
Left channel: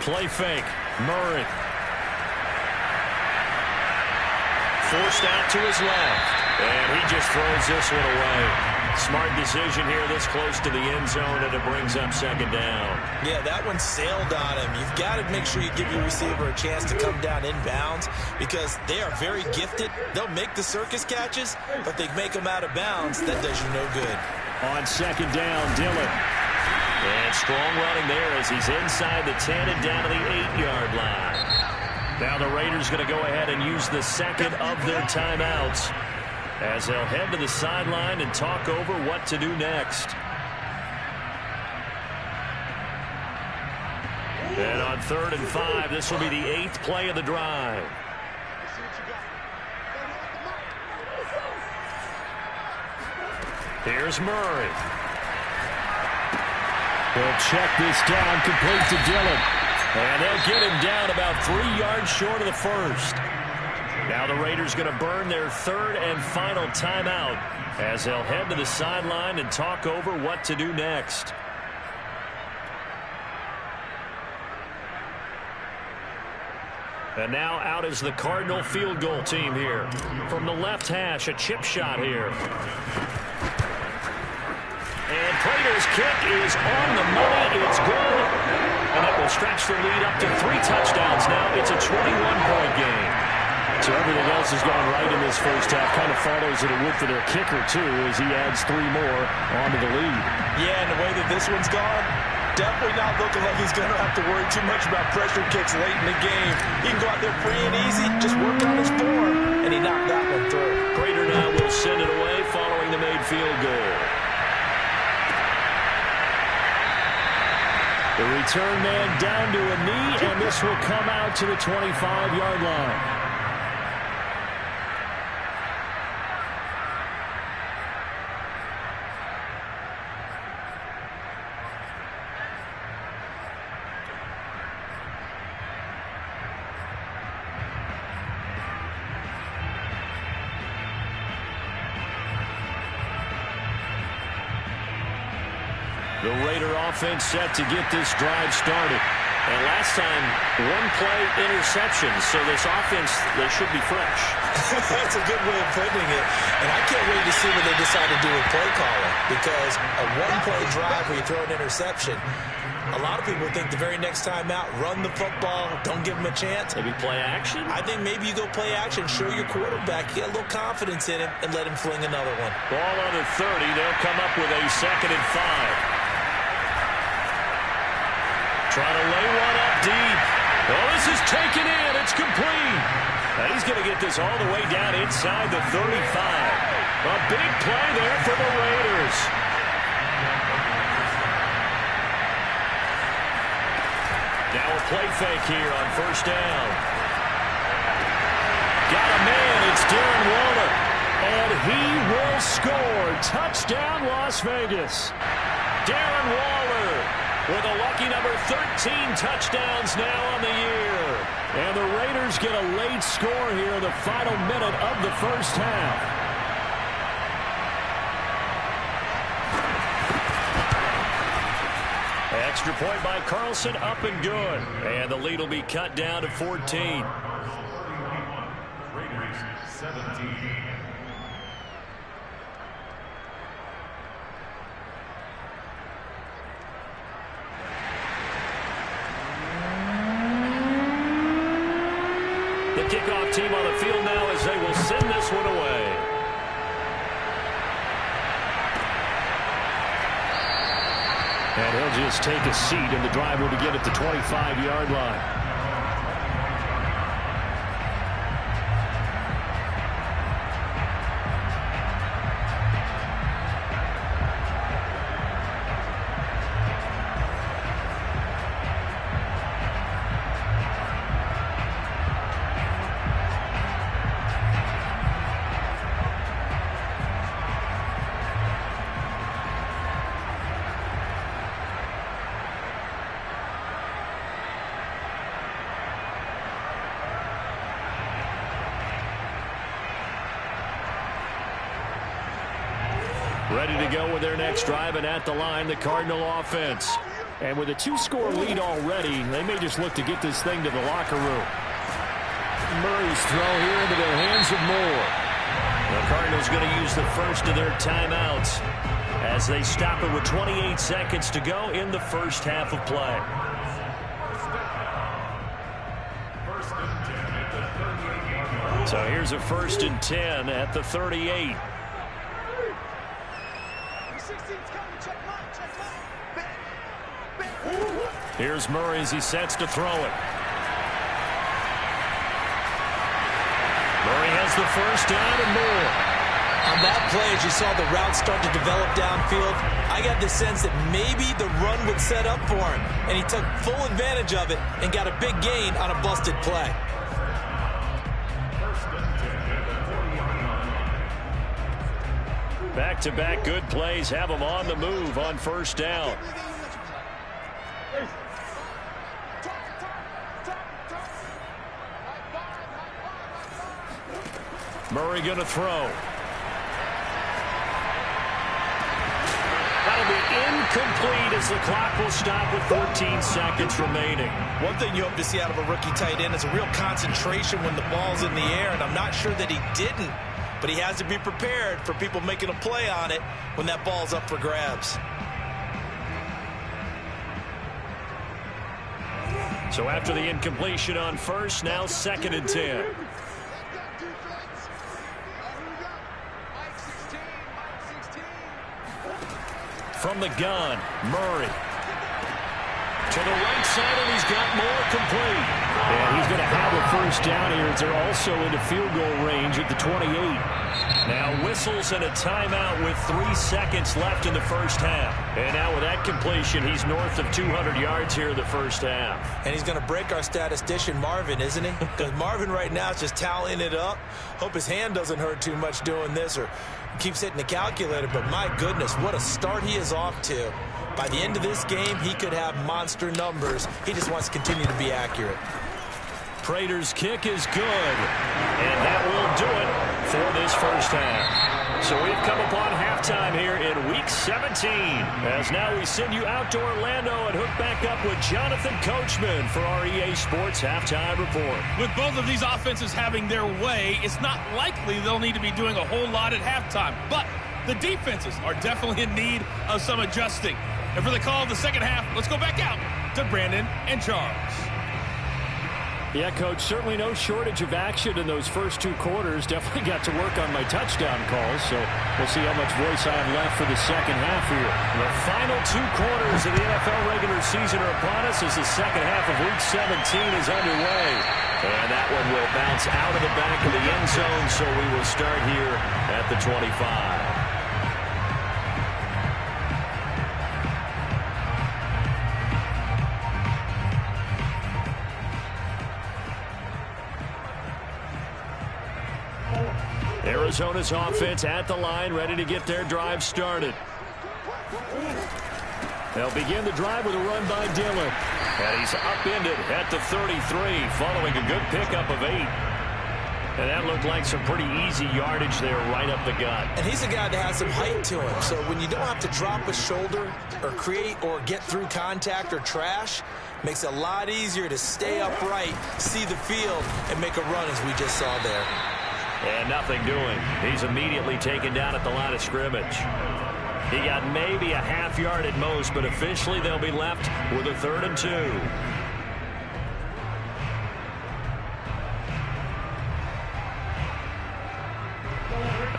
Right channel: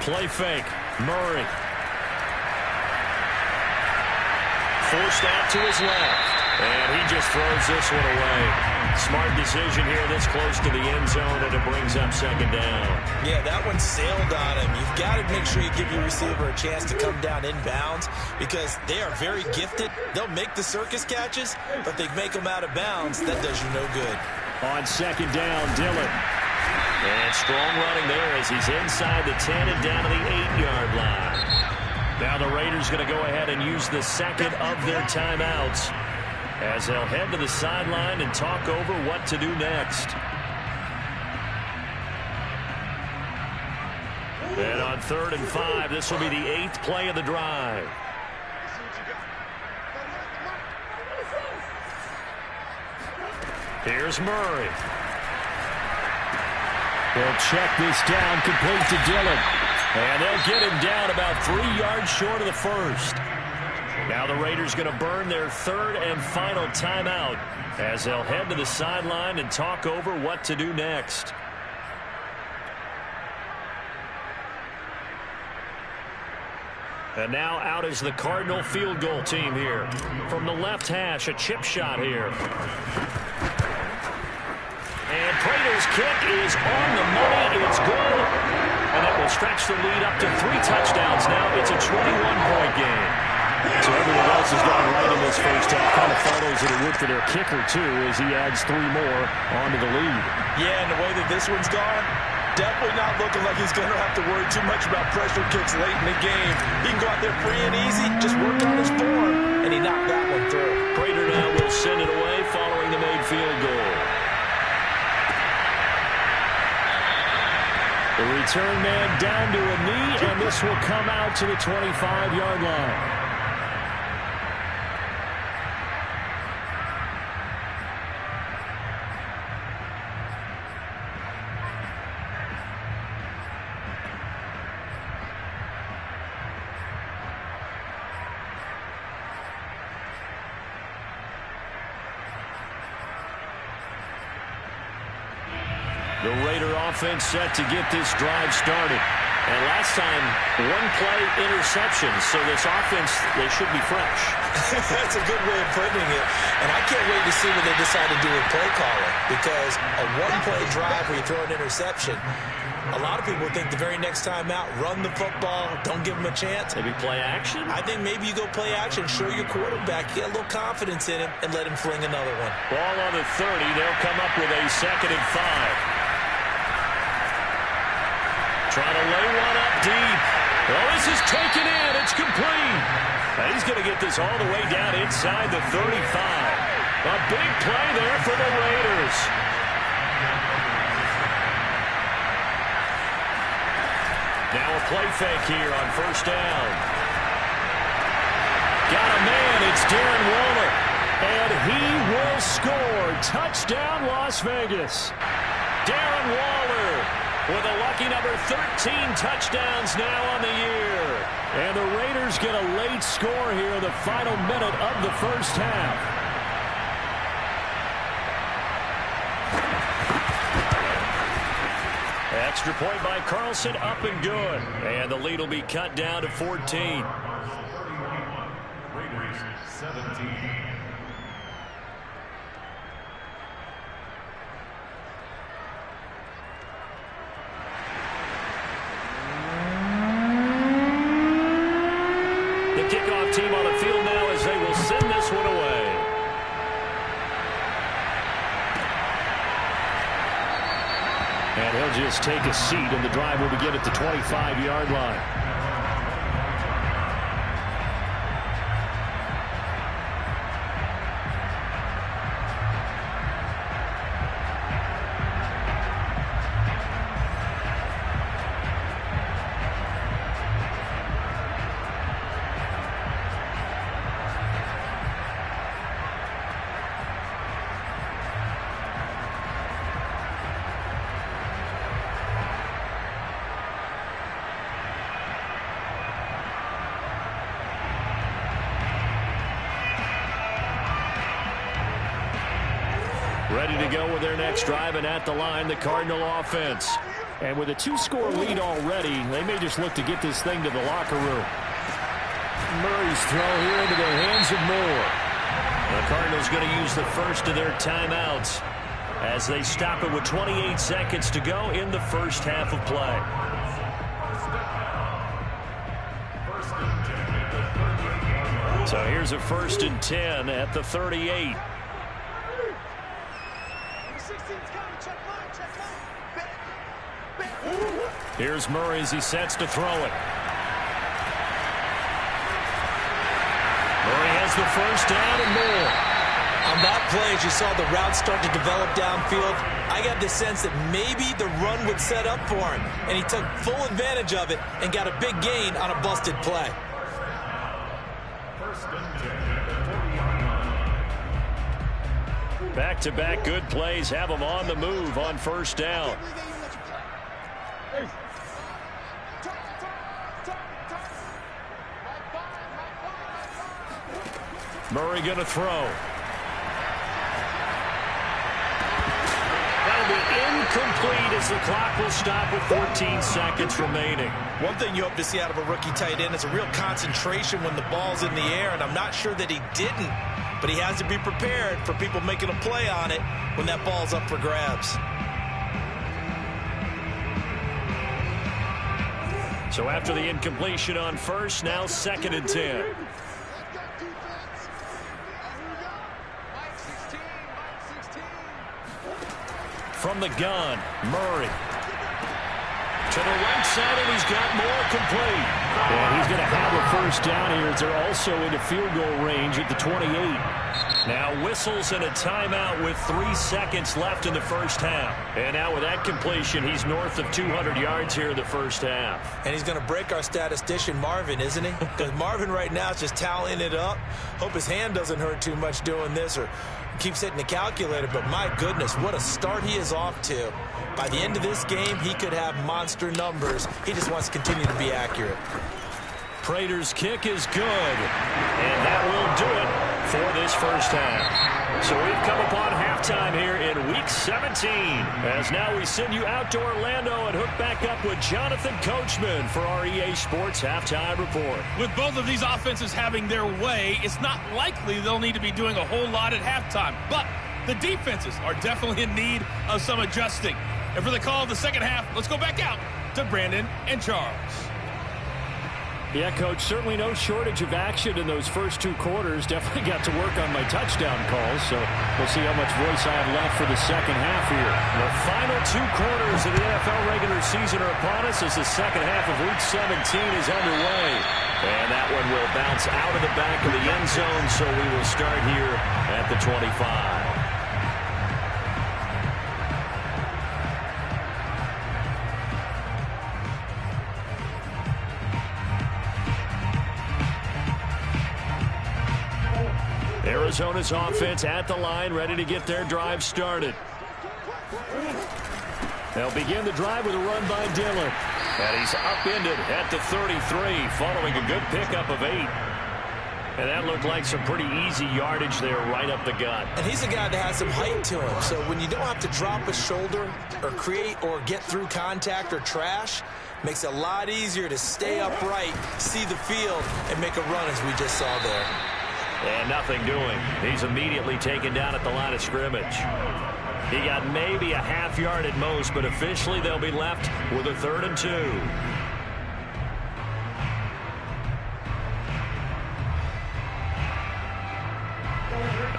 Play fake. Murray. Forced out to his left. And he just throws this one away. Smart decision here this close to the end zone, and it brings up second down. Yeah, that one sailed on him. You've got to make sure you give your receiver a chance to come down inbounds because they are very gifted. They'll make the circus catches, but they make them out of bounds. That does you no good. On second down, Dillon. And strong running there as he's inside the 10 and down to the 8-yard line. Now the Raiders going to go ahead and use the second of their timeouts as they'll head to the sideline and talk over what to do next. And on 3rd and 5, this will be the 8th play of the drive. Here's Murray. They'll check this down, complete to Dillon. And they'll get him down about 3 yards short of the first. Now the Raiders going to burn their 3rd and final timeout as they'll head to the sideline and talk over what to do next. And now out is the Cardinal field goal team here. From the left hash, a chip shot here. And Prater's kick is on the money. It's good. And that will stretch the lead up to 3 touchdowns now. It's a 21-point game. So everything else has gone right in this first half. Kind of follows that it would for their kicker, too, as he adds 3 more onto the lead. Yeah, and the way that this one's gone, definitely not looking like he's going to have to worry too much about pressure kicks late in the game. He can go out there free and easy, just work on his form, and he knocked that one through. Prater now will send it away following the made field goal. The return man down to a knee, and this will come out to the 25-yard line. The Raider offense set to get this drive started. And last time, 1-play interception. So this offense, they should be fresh. That's a good way of putting it. And I can't wait to see what they decide to do with play calling. Because a 1-play drive where you throw an interception, a lot of people think the very next time out, run the football, don't give them a chance. Maybe play action? I think maybe you go play action, show your quarterback, get a little confidence in him, and let him fling another one. Ball on the 30. They'll come up with a 2nd and 5. Trying to lay one up deep. Oh, this is taken in. It's complete. And he's going to get this all the way down inside the 35. A big play there for the Raiders. Now a play fake here on 1st down. Got a man. It's Darren Waller. And he will score. Touchdown, Las Vegas. Darren Waller with a lucky number 13 touchdowns now on the year. And the Raiders get a late score here in the final minute of the first half. Extra point by Carlson, up and good. And the lead will be cut down to 14. 17. The kickoff team on the field now as they will send this one away. And he'll just take a seat, and the drive will begin at the 25-yard line. Ready to go with their next drive, and at the line, the Cardinal offense. And with a 2-score lead already, they may just look to get this thing to the locker room. Murray's throw here into the hands of Moore. The Cardinals going to use the first of their timeouts as they stop it with 28 seconds to go in the first half of play. So here's a 1st and 10 at the 38. Here's Murray as he sets to throw it. Murray has the first down and more. On that play, as you saw the route start to develop downfield, I got the sense that maybe the run would set up for him, and he took full advantage of it and got a big gain on a busted play. Back-to-back good plays have him on the move on first down. Murray going to throw. That'll be incomplete as the clock will stop with 14 seconds remaining. One thing you hope to see out of a rookie tight end is a real concentration when the ball's in the air, and I'm not sure that he didn't, but he has to be prepared for people making a play on it when that ball's up for grabs. So after the incompletion on first, now 2nd and 10. From the gun, Murray. To the right side, and he's got more complete. And he's going to have a first down here as they're also into field goal range at the 28. Now whistles and a timeout with 3 seconds left in the first half. And now with that completion, he's north of 200 yards here in the first half. And he's going to break our statistician Marvin, isn't he? Because Marvin right now is just tallying it up. Hope his hand doesn't hurt too much doing this or keeps hitting the calculator. But my goodness, what a start he is off to. By the end of this game, he could have monster numbers. He just wants to continue to be accurate. Prater's kick is good, and that will do it for this first half. So we've come upon halftime here in Week 17, as now we send you out to Orlando and hook back up with Jonathan Coachman for our EA Sports Halftime Report. With both of these offenses having their way, it's not likely they'll need to be doing a whole lot at halftime, but the defenses are definitely in need of some adjusting. And for the call of the second half, let's go back out to Brandon and Charles. Yeah, Coach, certainly no shortage of action in those first 2 quarters. Definitely got to work on my touchdown calls, so we'll see how much voice I have left for the second half here. The final 2 quarters of the NFL regular season are upon us as the second half of Week 17 is underway. And that one will bounce out of the back of the end zone, so we will start here at the 25. Arizona's offense at the line, ready to get their drive started. They'll begin the drive with a run by Dillon. And he's upended at the 33, following a good pickup of 8. And that looked like some pretty easy yardage there right up the gut. And he's a guy that has some height to him. So when you don't have to drop a shoulder or create or get through contact or trash, makes it a lot easier to stay upright, see the field, and make a run as we just saw there. And nothing doing. He's immediately taken down at the line of scrimmage. He got maybe a half yard at most, but officially they'll be left with a 3rd and 2.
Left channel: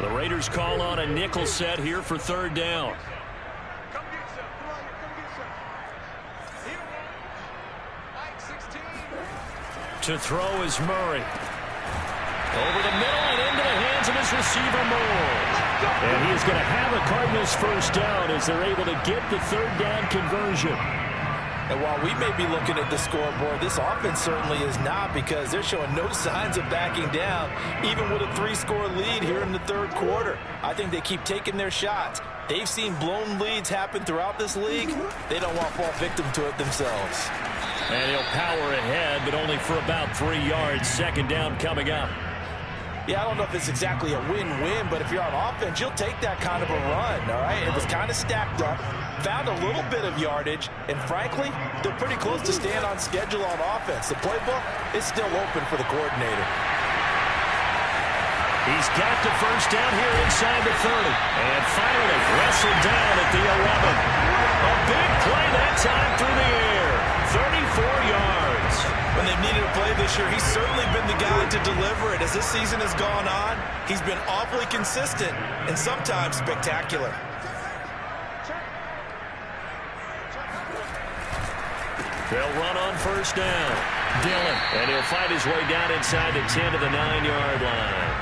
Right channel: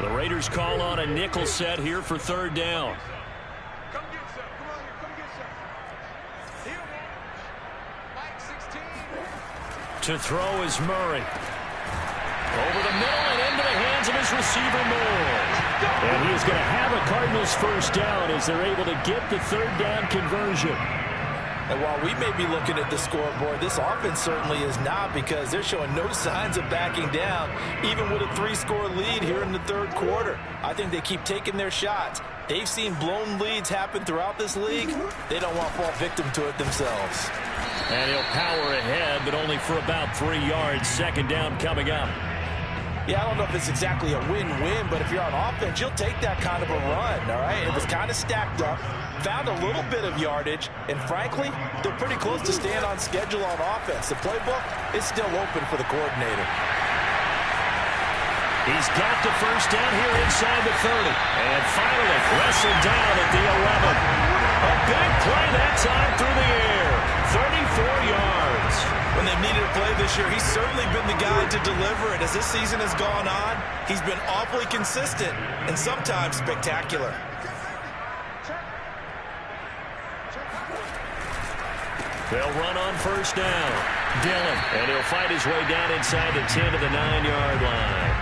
The Raiders call on a nickel set here for 3rd down. Come get some. Come on here. Come get some. Here, Mike 16. To throw is Murray. Over the middle and into the hands of his receiver, Moore. And he is going to have a Cardinals 1st down as they're able to get the 3rd down conversion. And while we may be looking at the scoreboard, this offense certainly is not, because they're showing no signs of backing down, even with a 3-score lead here in the 3rd quarter. I think they keep taking their shots. They've seen blown leads happen throughout this league. They don't want to fall victim to it themselves. And he'll power ahead, but only for about 3 yards. 2nd down coming up. Yeah, I don't know if it's exactly a win-win, but if you're on offense, you'll take that kind of a run, all right? It was kind of stacked up, found a little bit of yardage, and frankly, they're pretty close to staying on schedule on offense. The playbook is still open for the coordinator. He's got the 1st down here inside the 30. And finally wrestled down at the 11. A big play that time through the air. 34 yards. When they've needed a play this year, he's certainly been the guy to deliver it. As this season has gone on, he's been awfully consistent and sometimes spectacular. They'll run on 1st down. Dillon, and he'll fight his way down inside the 10 to the 9-yard line.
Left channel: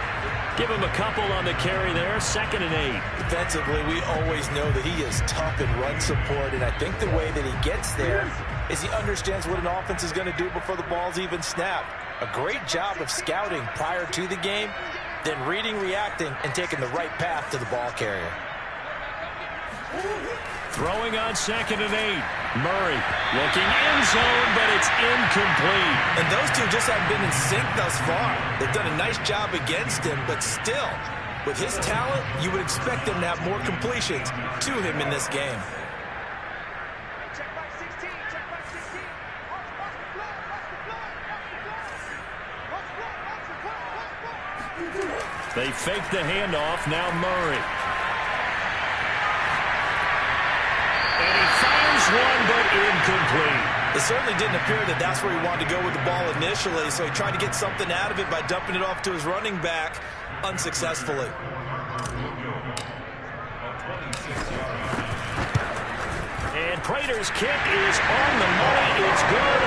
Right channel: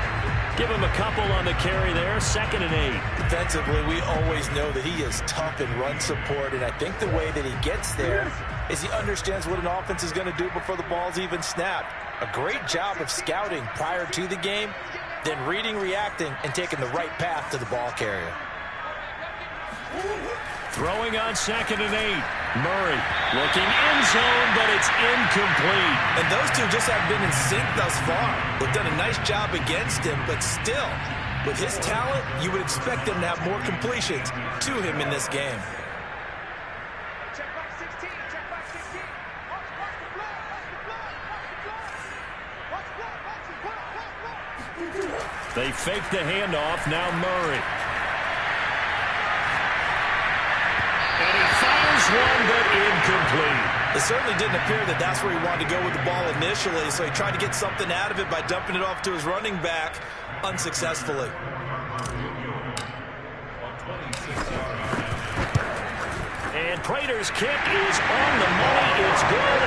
Give him a couple on the carry there. 2nd and 8. Defensively, we always know that he is tough in run support, and I think the way that he gets there is he understands what an offense is going to do before the ball's even snapped. A great job of scouting prior to the game, then reading, reacting, and taking the right path to the ball carrier. Throwing on 2nd and 8. Murray looking end zone, but it's incomplete. And those two just haven't been in sync thus far. They've done a nice job against him, but still, with his talent, you would expect them to have more completions to him in this game. Check back 16. Check back 16. Watch the blood. Watch the blood. Watch the blood. Watch the blood. Watch the blood. They fake the handoff. Now Murray. And he fires one, but incomplete. It certainly didn't appear that that's where he wanted to go with the ball initially, so he tried to get something out of it by dumping it off to his running back unsuccessfully. And Prater's kick is on the money. It's good.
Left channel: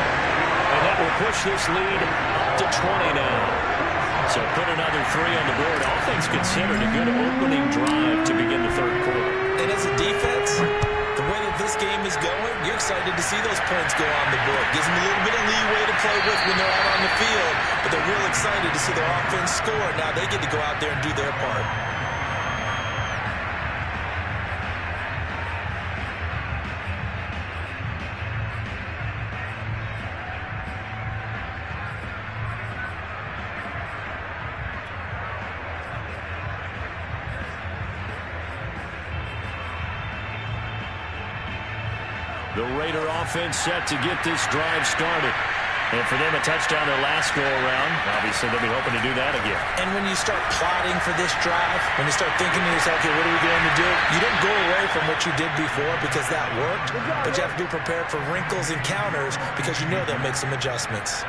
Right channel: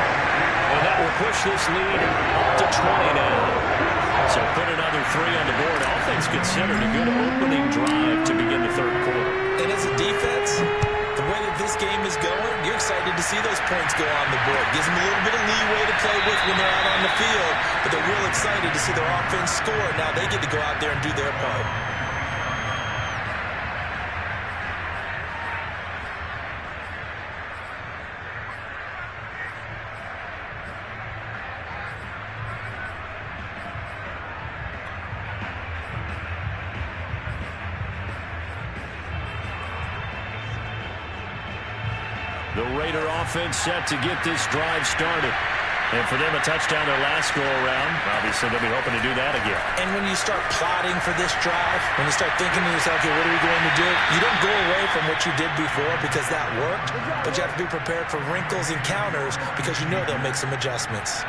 And that will push this lead up to 20 now. So put another 3 on the board. All things considered, a good opening drive to begin the 3rd quarter. And as a defense, the way that this game is going, you're excited to see those points go on the board. Gives them a little bit of leeway to play with when they're out on the field, but they're real excited to see their offense score. Now they get to go out there and do their part. The Raider offense set to get this drive started. And for them, a touchdown their last go-around. Obviously, they'll be hoping to do that again. And when you start plotting for this drive, when you start thinking to yourself, okay, what are we going to do? You don't go away from what you did before because that worked, but you have to be prepared for wrinkles and counters because you know they'll make some adjustments.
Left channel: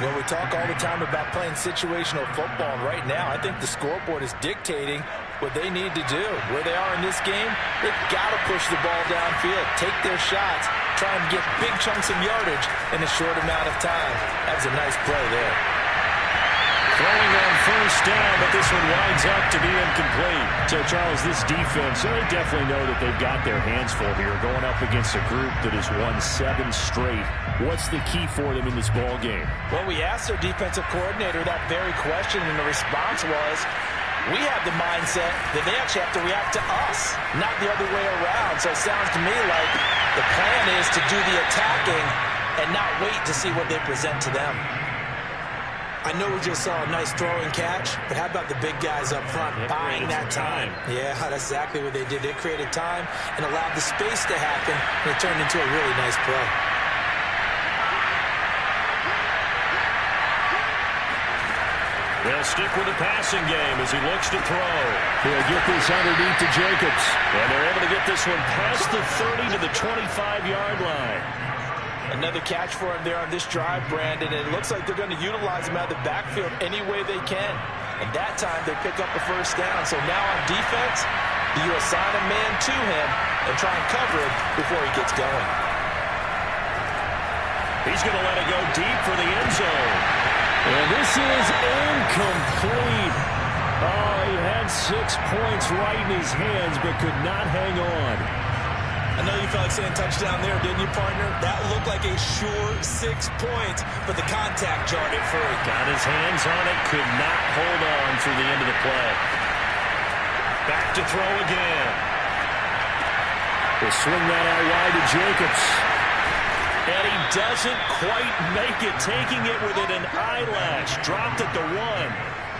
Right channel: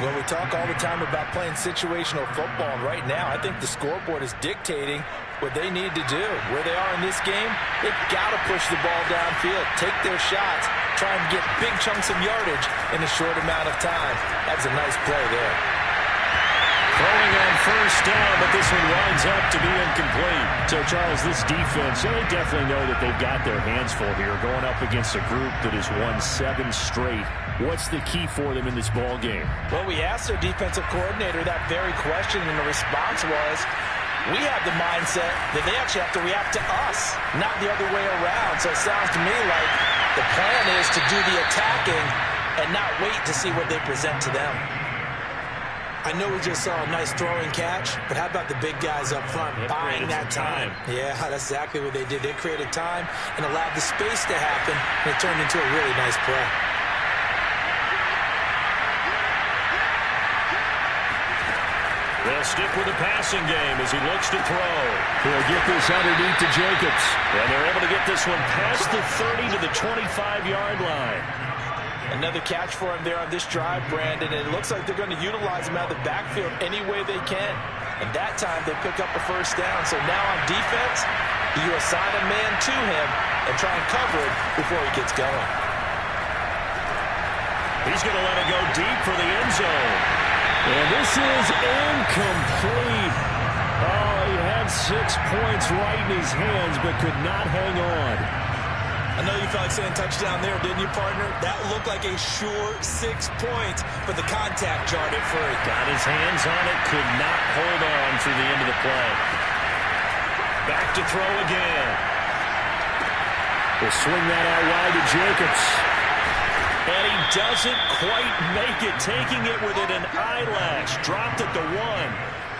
Well, we talk all the time about playing situational football, and right now I think the scoreboard is dictating what they need to do. Where they are in this game, they've got to push the ball downfield, take their shots, try and get big chunks of yardage in a short amount of time. That was a nice play there. Throwing on 1st down, but this one winds up to be incomplete. So, Charles, this defense, they definitely know that they've got their hands full here going up against a group that has won 7 straight. What's the key for them in this ball game? Well, we asked their defensive coordinator that very question, and the response was, we have the mindset that they actually have to react to us, not the other way around. So it sounds to me like the plan is to do the attacking and not wait to see what they present to them. I know we just saw a nice throwing catch, but how about the big guys up front buying that time? Yeah, that's exactly what they did. They created time and allowed the space to happen, and it turned into a really nice play. They'll stick with the passing game as he looks to throw. He'll get this underneath to Jacobs. And they're able to get this one past the 30 to the 25-yard line. Another catch for him there on this drive, Brandon. And it looks like they're going to utilize him out of the backfield any way they can. And that time they pick up a first down. So now on defense, you assign a man to him and try and cover it before he gets going. He's going to let it go deep for the end zone. And this is incomplete. Oh, he had 6 points right in his hands, but could not hang on. I know you felt like saying touchdown there, didn't you, partner? That looked like a sure 6 points, but the contact jarred it free. Got his hands on it, could not hold on through the end of the play. Back to throw again. He'll swing that out wide to Jacobs. And he doesn't quite make it, taking it within an eyelash. Dropped at the 1.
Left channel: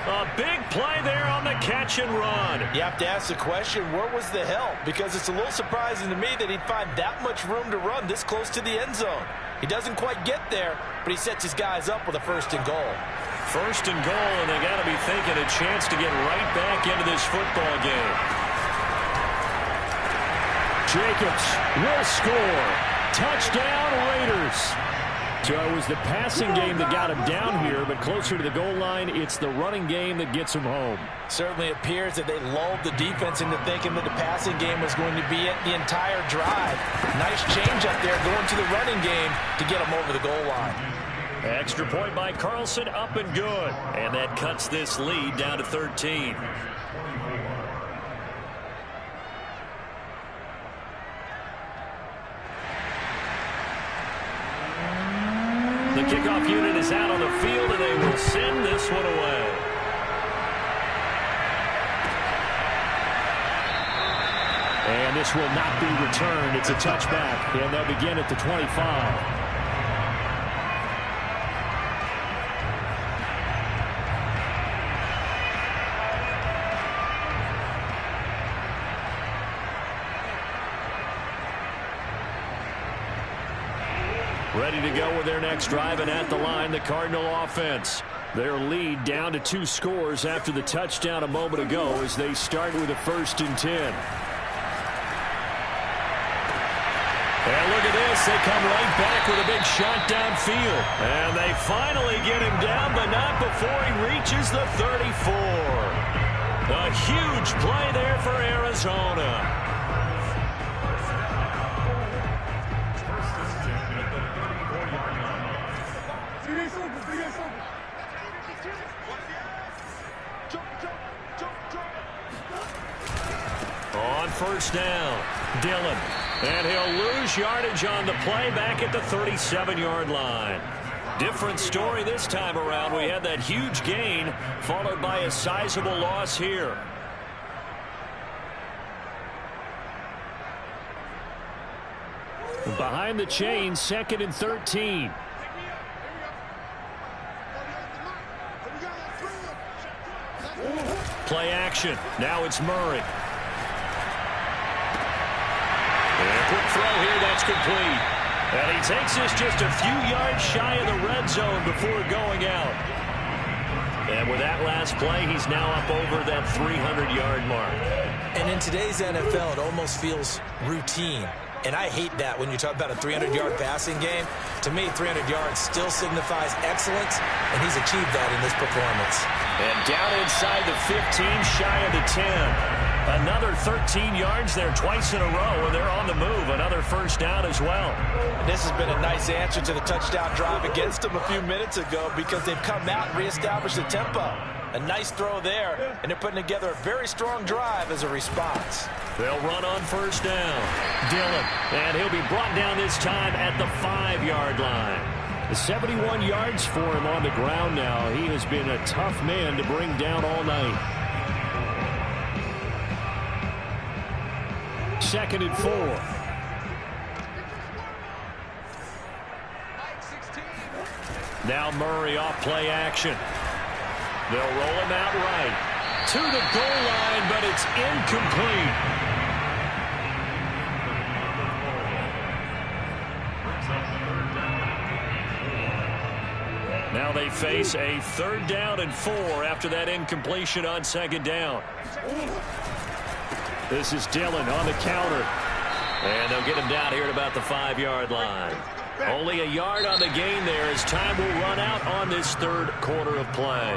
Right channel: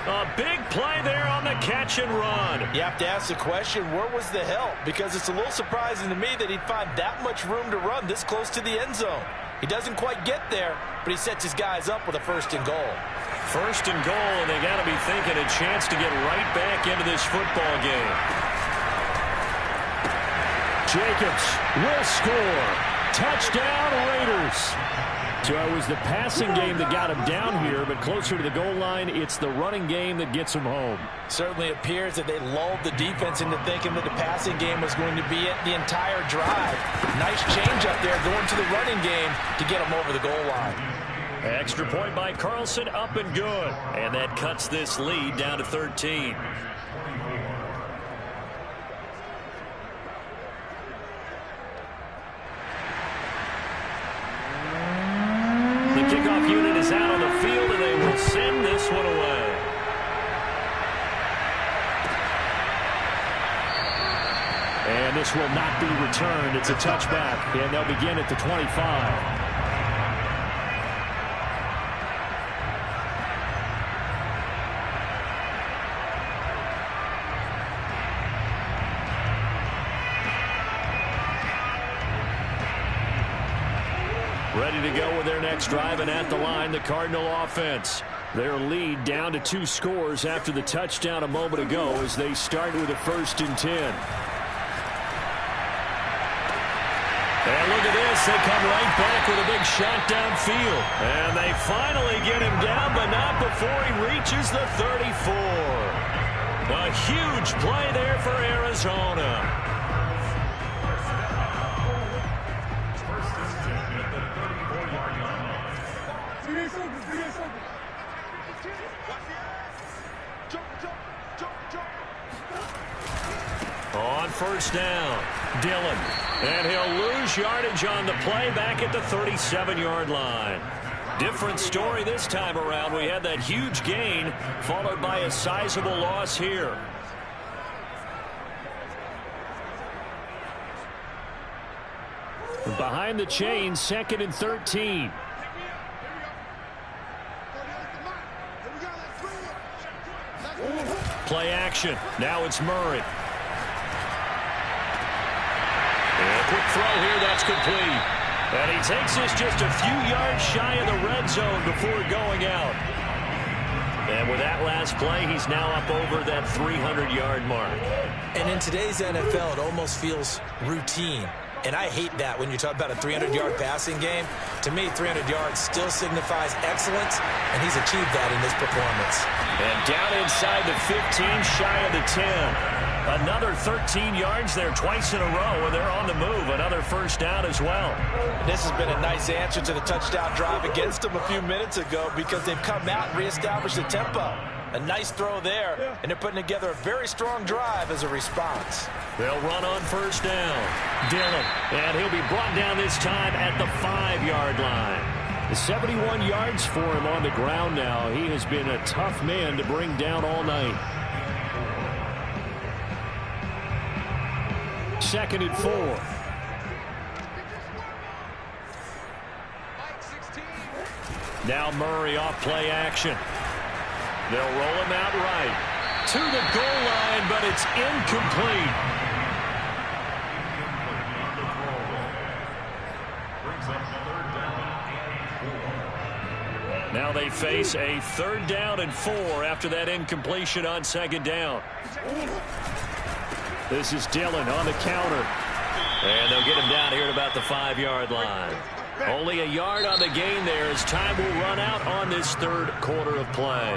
A big play there on the catch and run. You have to ask the question, where was the help? Because it's a little surprising to me that he'd find that much room to run this close to the end zone. He doesn't quite get there, but he sets his guys up with a 1st and goal. 1st and goal, and they got to be thinking a chance to get right back into this football game. Jacobs will score. Touchdown, Raiders. So it was the passing game that got him down here, but closer to the goal line, it's the running game that gets him home. Certainly appears that they lulled the defense into thinking that the passing game was going to be it the entire drive. Nice change up there going to the running game to get him over the goal line. Extra point by Carlson, up and good. And that cuts this lead down to 13. The kickoff unit is out on the field, and they will send this one away. And this will not be returned. It's a touchback, and they'll begin at the 25. Ready to go with their next drive, and at the line, the Cardinal offense. Their lead down to 2 scores after the touchdown a moment ago as they start with a 1st and 10. And look at this. They come right back with a big shot downfield. And they finally get him down, but not before he reaches the 34. A huge play there for Arizona. On 1st down, Dillon. And he'll lose yardage on the play back at the 37-yard line. Different story this time around. We had that huge gain followed by a sizable loss here. Behind the chains, 2nd and 13. Play action. Now it's Murray. And a quick throw here, that's complete. And he takes this just a few yards shy of the red zone before going out. And with that last play, he's now up over that 300-yard mark. And in today's NFL, it almost feels routine. And I hate that when you talk about a 300-yard passing game. To me, 300 yards still signifies excellence, and he's achieved that in this performance. And down inside the 15, shy of the 10. Another 13 yards there twice in a row, and they're on the move. Another 1st down as well. And this has been a nice answer to the touchdown drive against them a few minutes ago because they've come out and reestablished the tempo. A nice throw there, and they're putting together a very strong drive as a response. They'll run on 1st down. Dillon, and he'll be brought down this time at the 5-yard line. 71 yards for him on the ground now. He has been a tough man to bring down all night. 2nd and 4. Now Murray off play action. They'll roll him out right to the goal line, but it's incomplete. Now they face a 3rd down and 4 after that incompletion on 2nd down. This is Dillon on the counter. And they'll get him down here at about the 5-yard line. Only a yard on the gain there as time will run out on this 3rd quarter of play.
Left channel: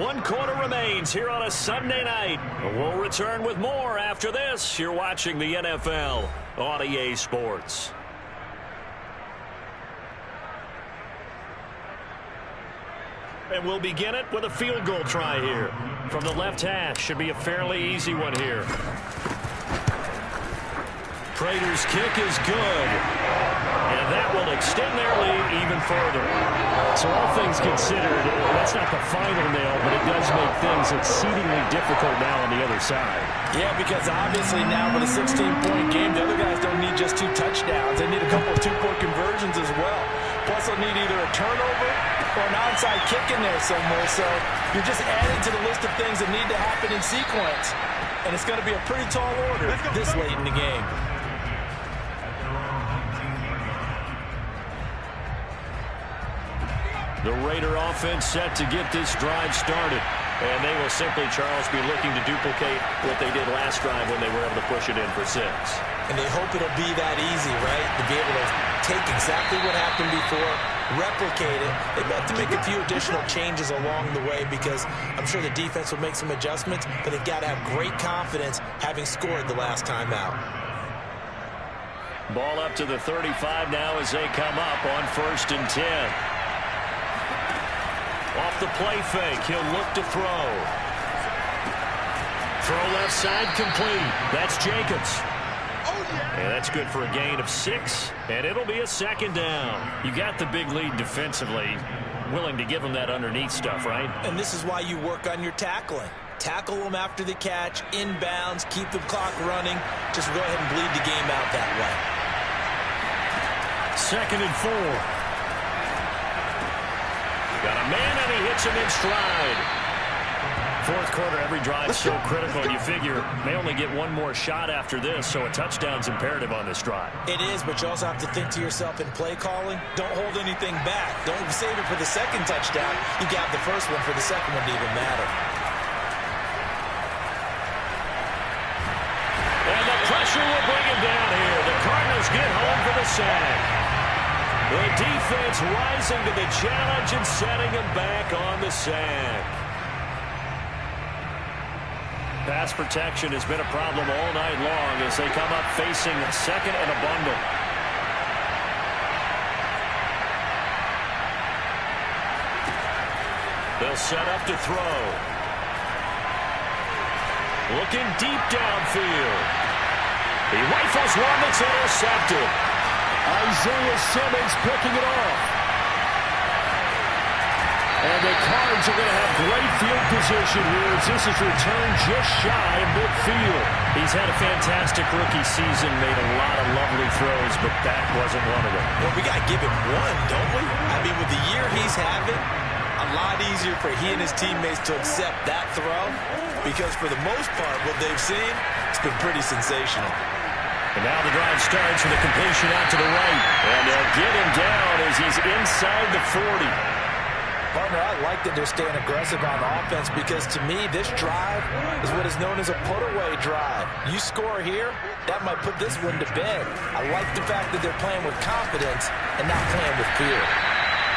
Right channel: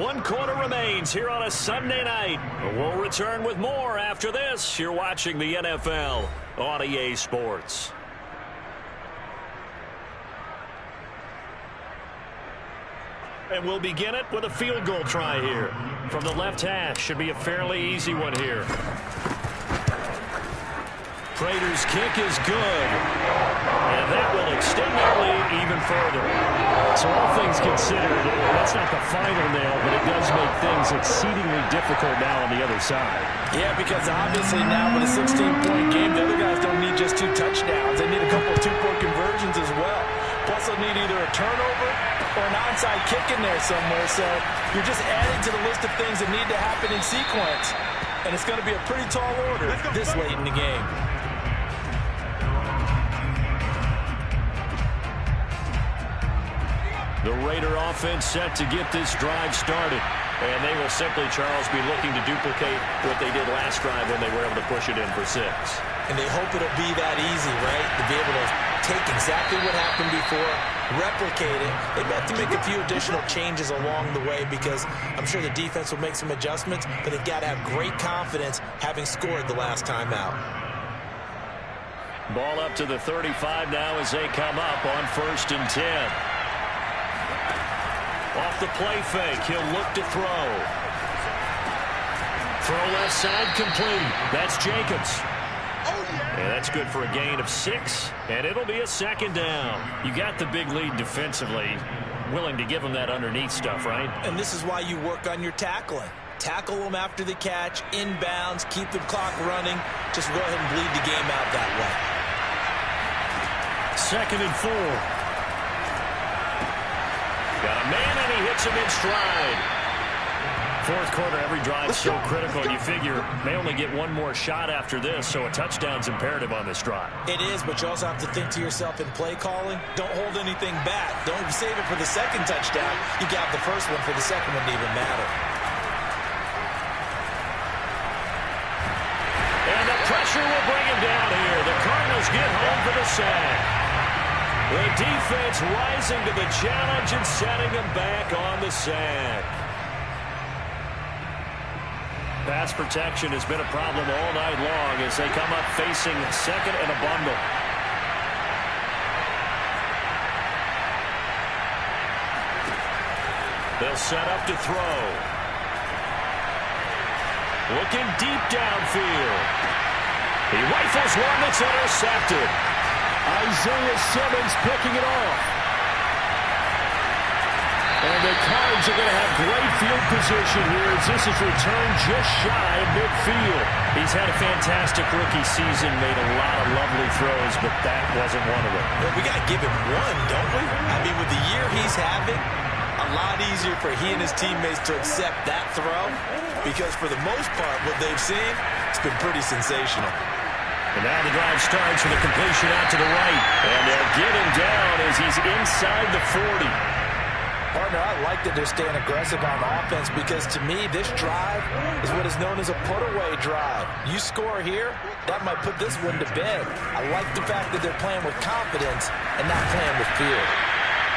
1 quarter remains here on a Sunday night. We'll return with more after this. You're watching the NFL on EA Sports. And we'll begin it with a field goal try here. From the left hash, should be a fairly easy one here. Prater's kick is good. And that will extend their lead even further. So all things considered, that's not the final nail, but it does make things exceedingly difficult now on the other side. Yeah, because obviously now with a 16-point game, the other guys don't need just 2 touchdowns. They need a couple of 2-point conversions as well. Plus they'll need either a turnover or an onside kick in there somewhere. So you're just adding to the list of things that need to happen in sequence. And it's going to be a pretty tall order this late in the game. The Raider offense set to get this drive started. And they will simply, Charles, be looking to duplicate what they did last drive when they were able to push it in for 6. And they hope it'll be that easy, right? To be able to take exactly what happened before, replicate it. They may have to make a few additional changes along the way because I'm sure the defense will make some adjustments, but they've got to have great confidence having scored the last time out. Ball up to the 35 now as they come up on 1st and 10. Off the play fake, he'll look to throw. Throw left side complete. That's Jacobs. And that's good for a gain of 6, and it'll be a 2nd down. You got the big lead defensively, willing to give them that underneath stuff, right? And this is why you work on your tackling. Tackle them after the catch, inbounds, keep the clock running. Just go ahead and bleed the game out that way. 2nd and 4. Got a man, and he hits him in stride. 4th quarter, every drive so critical. You figure may only get 1 more shot after this, so a touchdown's imperative on this drive. It is, but you also have to think to yourself in play calling, don't hold anything back. Don't save it for the 2nd touchdown. You got the 1st one for the 2nd one to even matter. And the pressure will bring him down here. The Cardinals get home for the sack. The defense rising to the challenge and setting him back on the sack. Pass protection has been a problem all night long as they come up facing 2nd and a bundle. They'll set up to throw. Looking deep downfield. He rifles one that's intercepted. Isaiah Simmons picking it off. And the Cards are going to have great field position here as this is returned just shy of midfield. He's had a fantastic rookie season, made a lot of lovely throws, but that wasn't one of them. Well, we got to give him one, don't we? I mean, with the year he's having, a lot easier for he and his teammates to accept that throw because for the most part, what they've seen, it's been pretty sensational. And now the drive starts with a completion out to the right. And they'll get him down as he's inside the 40. Partner, I like that they're staying aggressive on offense because to me, this drive is what is known as a put-away drive. You score here, that might put this one to bed. I like the fact that they're playing with confidence and not playing with fear.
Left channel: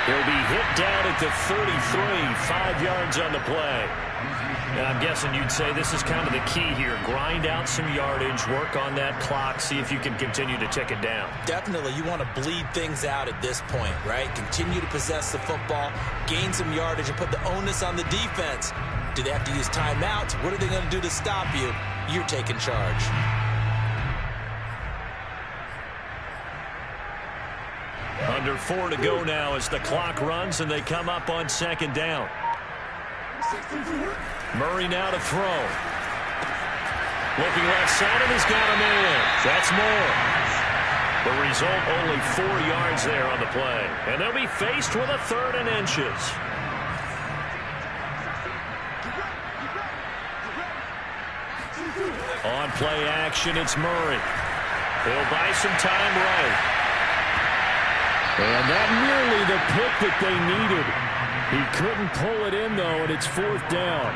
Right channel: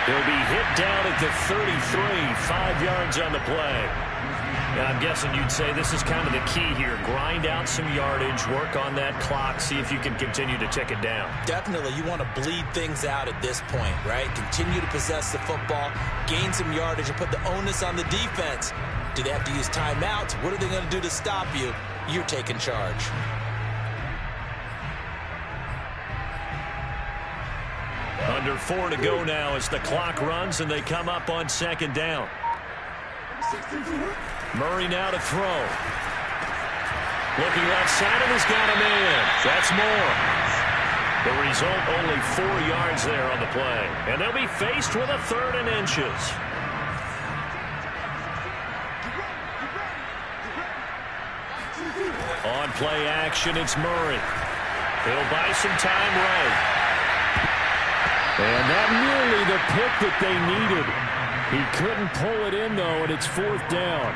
He'll be hit down at the 33, 5 yards on the play. And I'm guessing you'd say this is kind of the key here. Grind out some yardage, work on that clock, see if you can continue to tick it down. Definitely. You want to bleed things out at this point, right? Continue to possess the football, gain some yardage, and put the onus on the defense. Do they have to use timeouts? What are they going to do to stop you? You're taking charge. Under 4 to go now as the clock runs and they come up on 2nd down. Murray now to throw. Looking left side, and he's got a man. That's more. The result, only 4 yards there on the play. And they'll be faced with a 3rd and inches. On play action, it's Murray. He'll buy some time right. And that nearly the pick that they needed. He couldn't pull it in, though, and it's 4th down.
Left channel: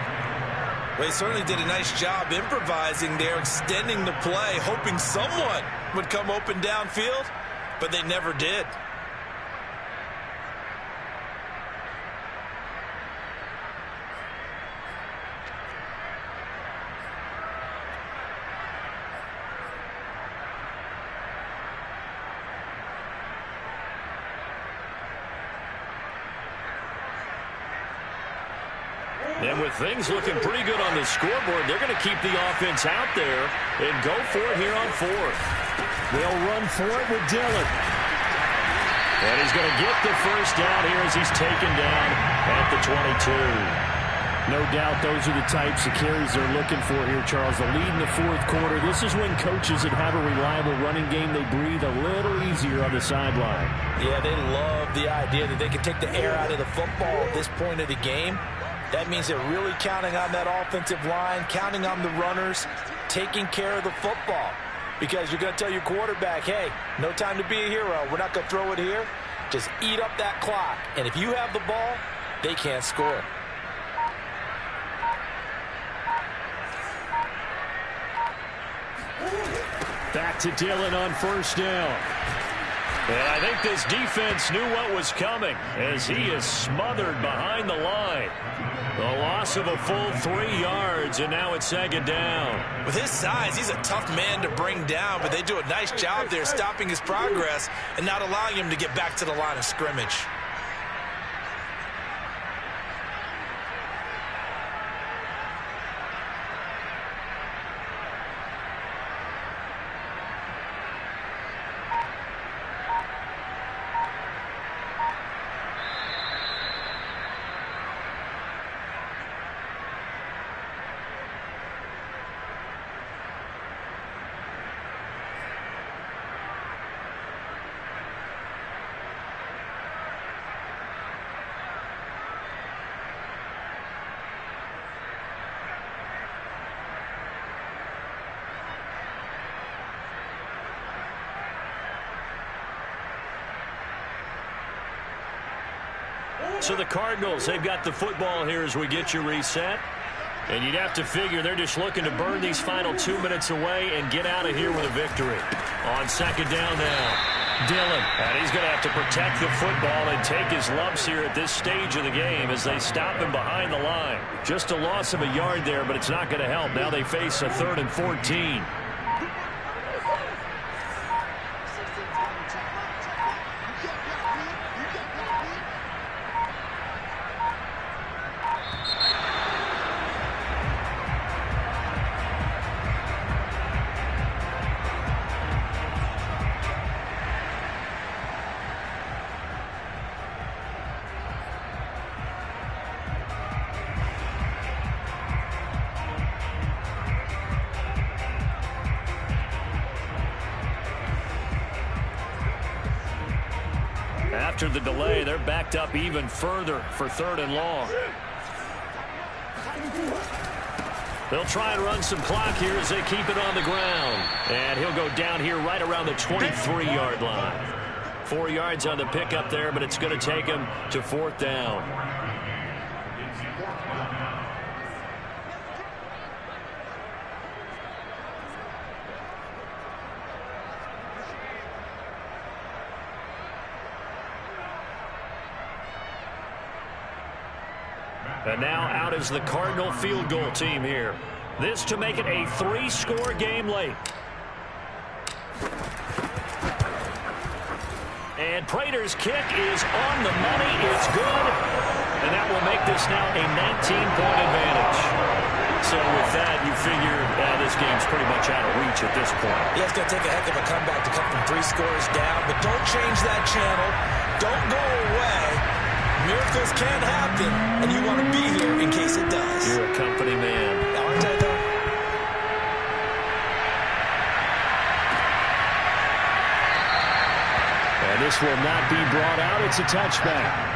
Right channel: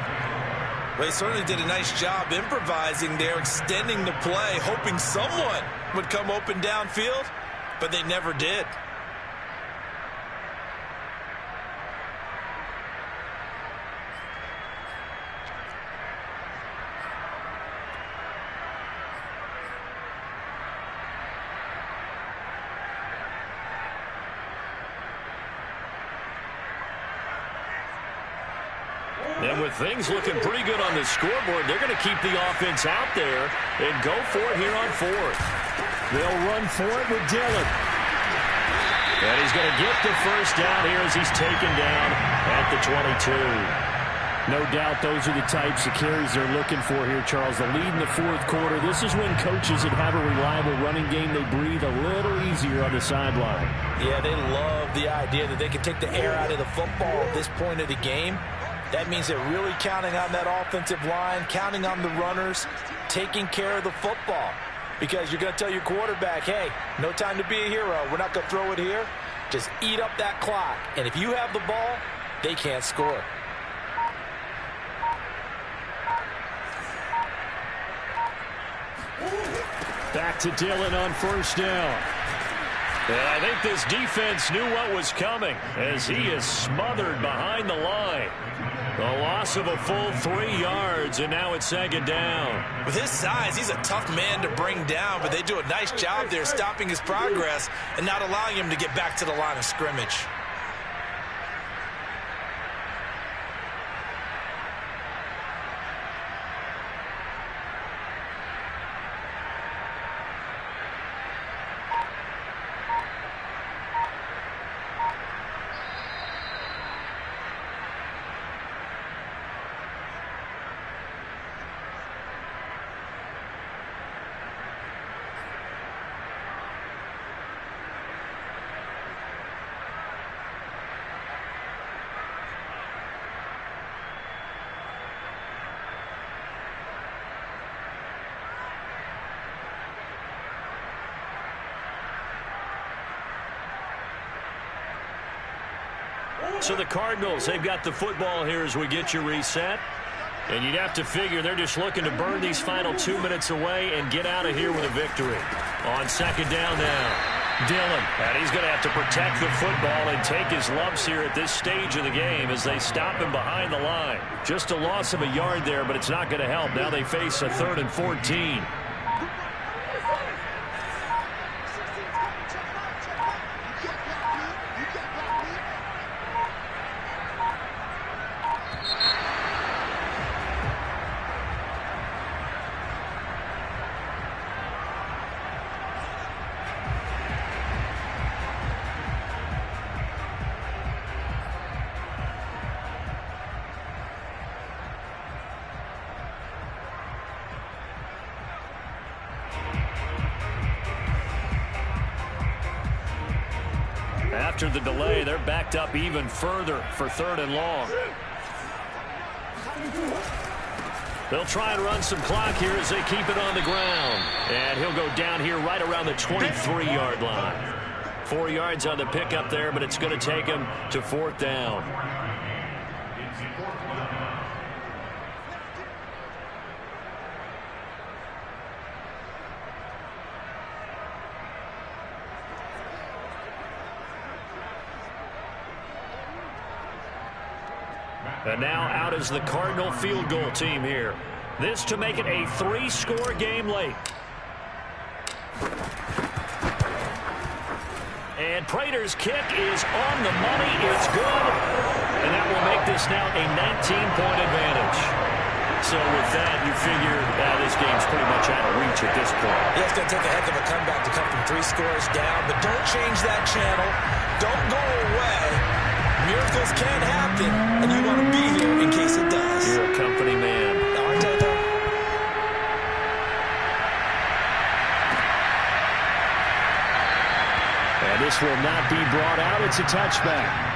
Well, he certainly did a nice job improvising there, extending the play, hoping someone would come open downfield, but they never did. And with things looking pretty good on the scoreboard, they're going to keep the offense out there and go for it here on 4th. They'll run for it with Dillon. And he's going to get the first down here as he's taken down at the 22. No doubt those are the types of carries they're looking for here, Charles. The lead in the 4th quarter. This is when coaches that have a reliable running game, they breathe a little easier on the sideline. Yeah, they love the idea that they can take the air out of the football at this point of the game. That means they're really counting on that offensive line, counting on the runners, taking care of the football. Because you're going to tell your quarterback, hey, no time to be a hero. We're not going to throw it here. Just eat up that clock. And if you have the ball, they can't score. Back to Dillon on 1st down. And I think this defense knew what was coming as he is smothered behind the line. The loss of a full 3 yards, and now it's 2nd down. With his size, he's a tough man to bring down, but they do a nice job there stopping his progress and not allowing him to get back to the line of scrimmage. So the Cardinals, they've got the football here as we get you reset. And you'd have to figure they're just looking to burn these final 2 minutes away and get out of here with a victory. On 2nd down now, Dillon. And he's going to have to protect the football and take his lumps here at this stage of the game as they stop him behind the line. Just a loss of a yard there, but it's not going to help. Now they face a 3rd and 14. After the delay, they're backed up even further for 3rd and long. They'll try and run some clock here as they keep it on the ground. And he'll go down here right around the 23-yard line. 4 yards on the pickup there, but it's going to take him to 4th down. And now out is the Cardinal field goal team here. This to make it a 3-score game late. And Prater's kick is on the money. It's good. And that will make this now a 19-point advantage. So with that, you figure this game's pretty much out of reach at this point. Yeah, it's going to take a heck of a comeback to come from 3 scores down. But don't change that channel. Don't go away. Miracles can happen, and you want to be here in case it does. You're a company man. Aren't I, though? And this will not be brought out. It's a touchback.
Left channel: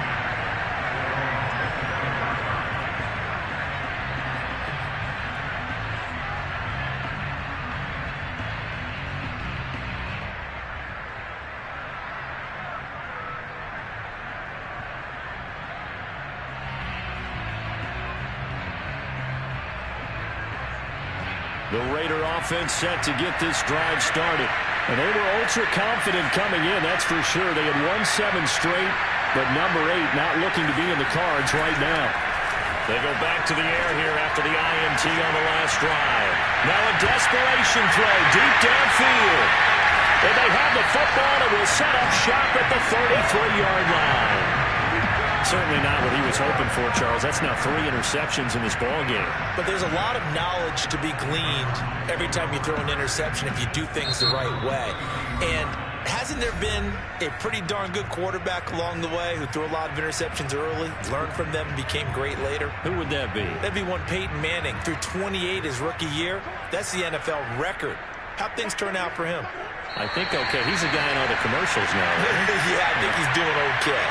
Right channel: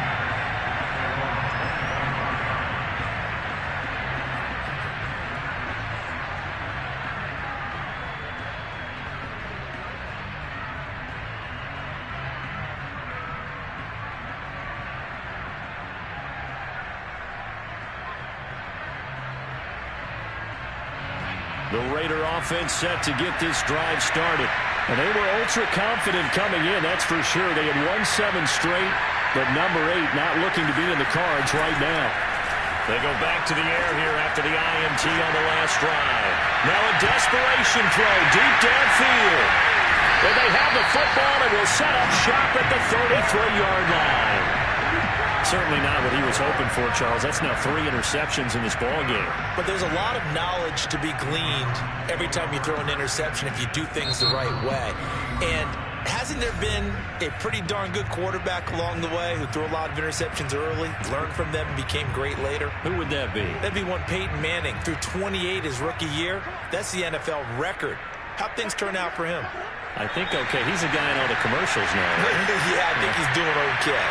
The Raider offense set to get this drive started. And they were ultra confident coming in, that's for sure. They had won 7 straight, but number 8 not looking to be in the cards right now. They go back to the air here after the INT on the last drive. Now a desperation throw deep downfield. And they have the football and will set up shop at the 33-yard line. Certainly not what he was hoping for, Charles. That's now 3 interceptions in this ball game. But there's a lot of knowledge to be gleaned every time you throw an interception if you do things the right way. And hasn't there been a pretty darn good quarterback along the way who threw a lot of interceptions early, learned from them, and became great later? Who would that be? That'd be one Peyton Manning. Threw 28 his rookie year. That's the NFL record. How'd things turn out for him? I think okay. He's a guy in all the commercials now, right? Yeah, I think he's doing okay.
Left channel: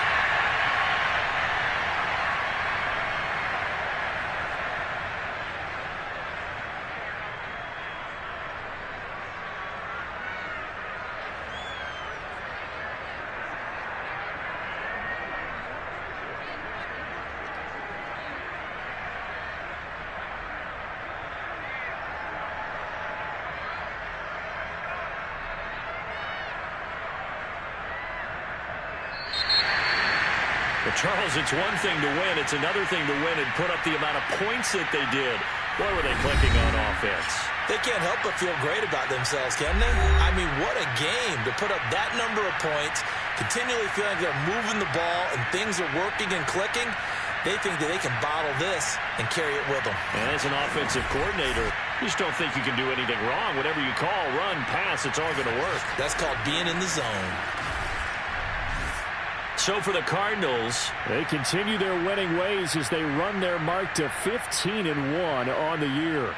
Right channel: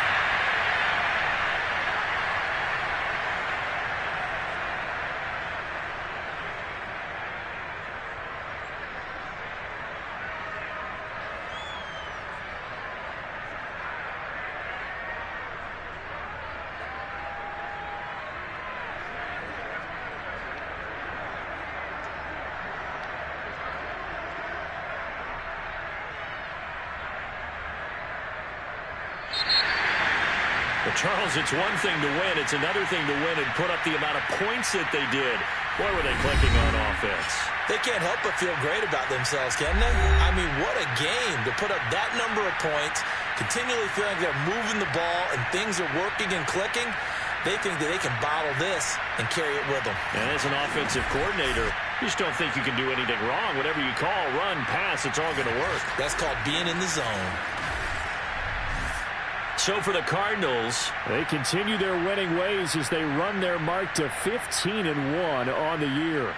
But Charles, it's one thing to win. It's another thing to win and put up the amount of points that they did. Boy, were they clicking on offense. They can't help but feel great about themselves, can they? I mean, what a game to put up that number of points, continually feeling like they're moving the ball and things are working and clicking. They think that they can bottle this and carry it with them. And as an offensive coordinator, you just don't think you can do anything wrong. Whatever you call, run, pass, it's all going to work. That's called being in the zone. So for the Cardinals, they continue their winning ways as they run their mark to 15-1 on the year.